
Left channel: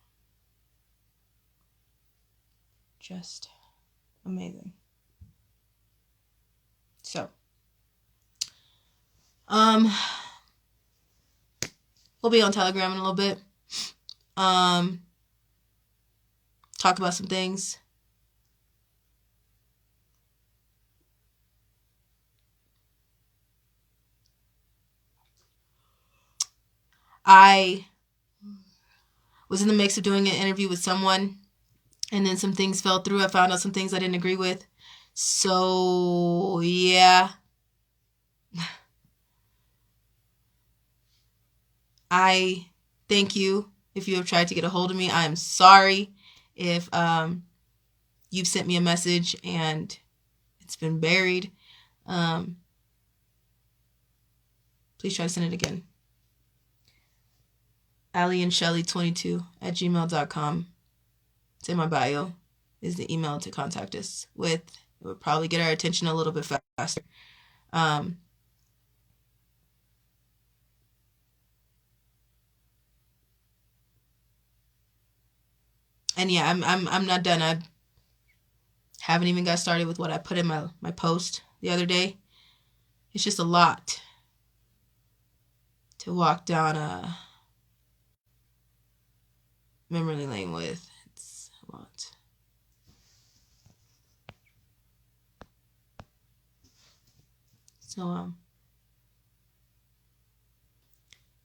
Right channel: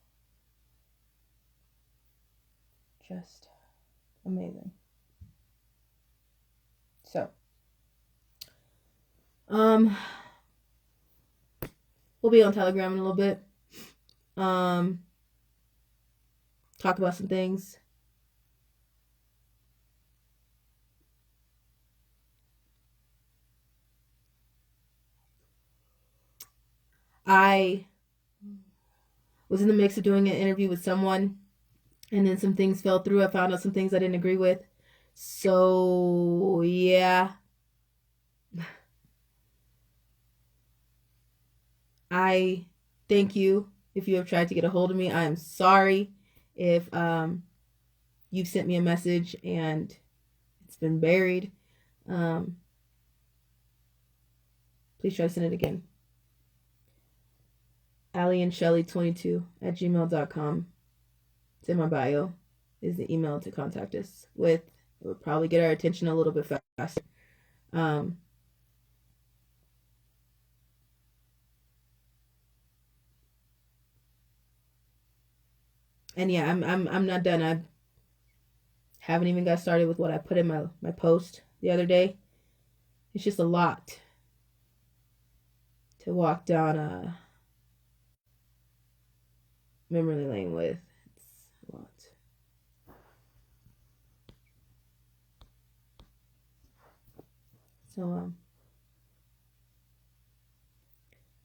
Just amazing. So, we'll be on Telegram in a little bit. Talk about some things. I was in the mix of doing an interview with someone, and then some things fell through. I found out some things I didn't agree with. So, yeah. I thank you if you have tried to get a hold of me. I'm sorry if you've sent me a message and it's been buried. Please try to send it again. Allie and Shelly 22 at gmail.com. It's in my bio. Is the email to contact us with. It would probably get our attention a little bit faster. And yeah, I'm not done. I haven't even got started with what I put in my post the other day. It's just a lot to walk down memory lane with. It's a lot. So,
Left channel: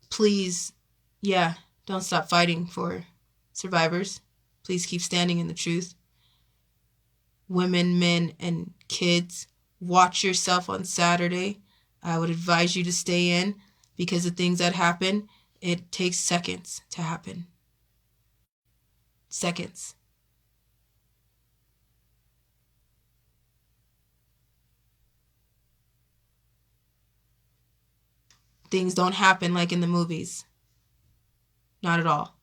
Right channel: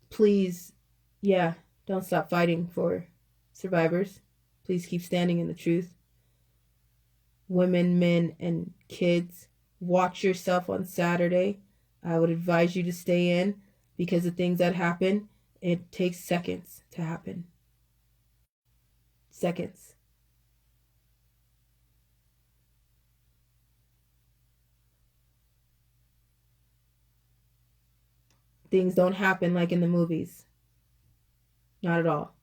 please, yeah, don't stop fighting for survivors. Please keep standing in the truth. Women, men, and kids, watch yourself on Saturday. I would advise you to stay in because the things that happen, it takes seconds to happen. Seconds. Things don't happen like in the movies. Not at all.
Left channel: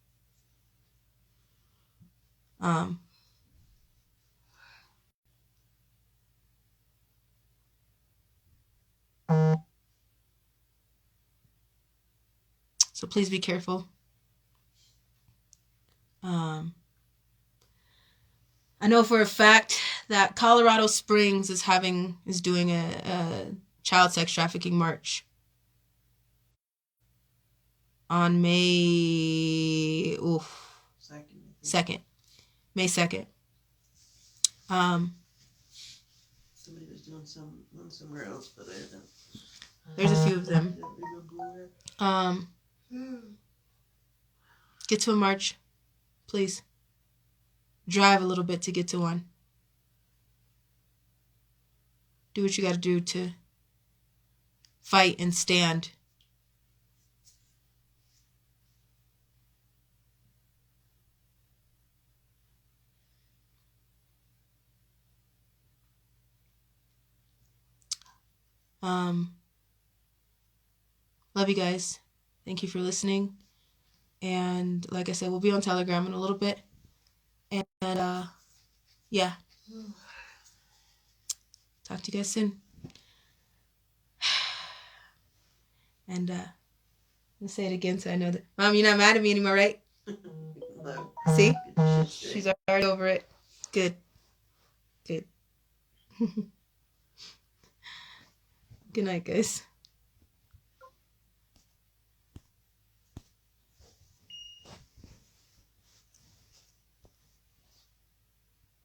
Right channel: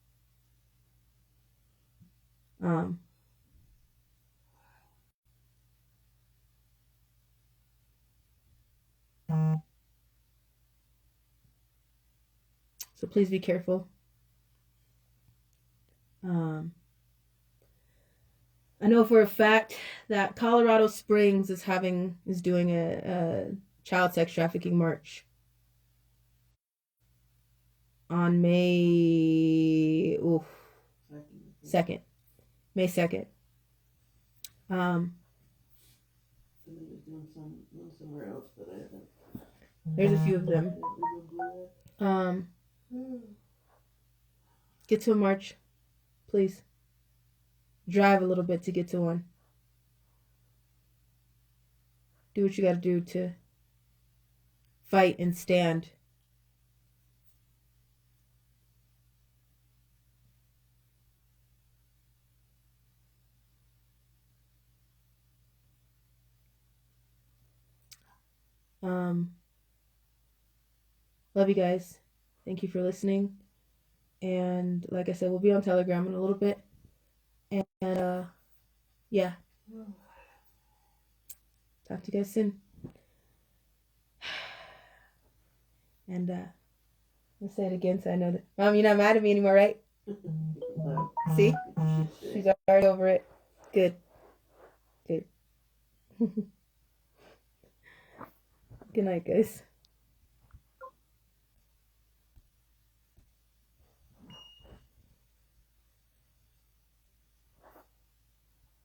So please be careful. I know for a fact that Colorado Springs is doing a child sex trafficking march on May 2nd. May 2nd. Somebody was doing one somewhere else, but I haven't. There's a few of them. Get to a march, please. Drive a little bit to get to one. Do what you got to do to fight and stand. Love you guys. Thank you for listening. And like I said, we'll be on Telegram in a little bit. And yeah. Talk to you guys soon. And let's say it again so I know that. Mom, you're not mad at me anymore, right? No. See? She's already over it. Good. Good. Good night, guys.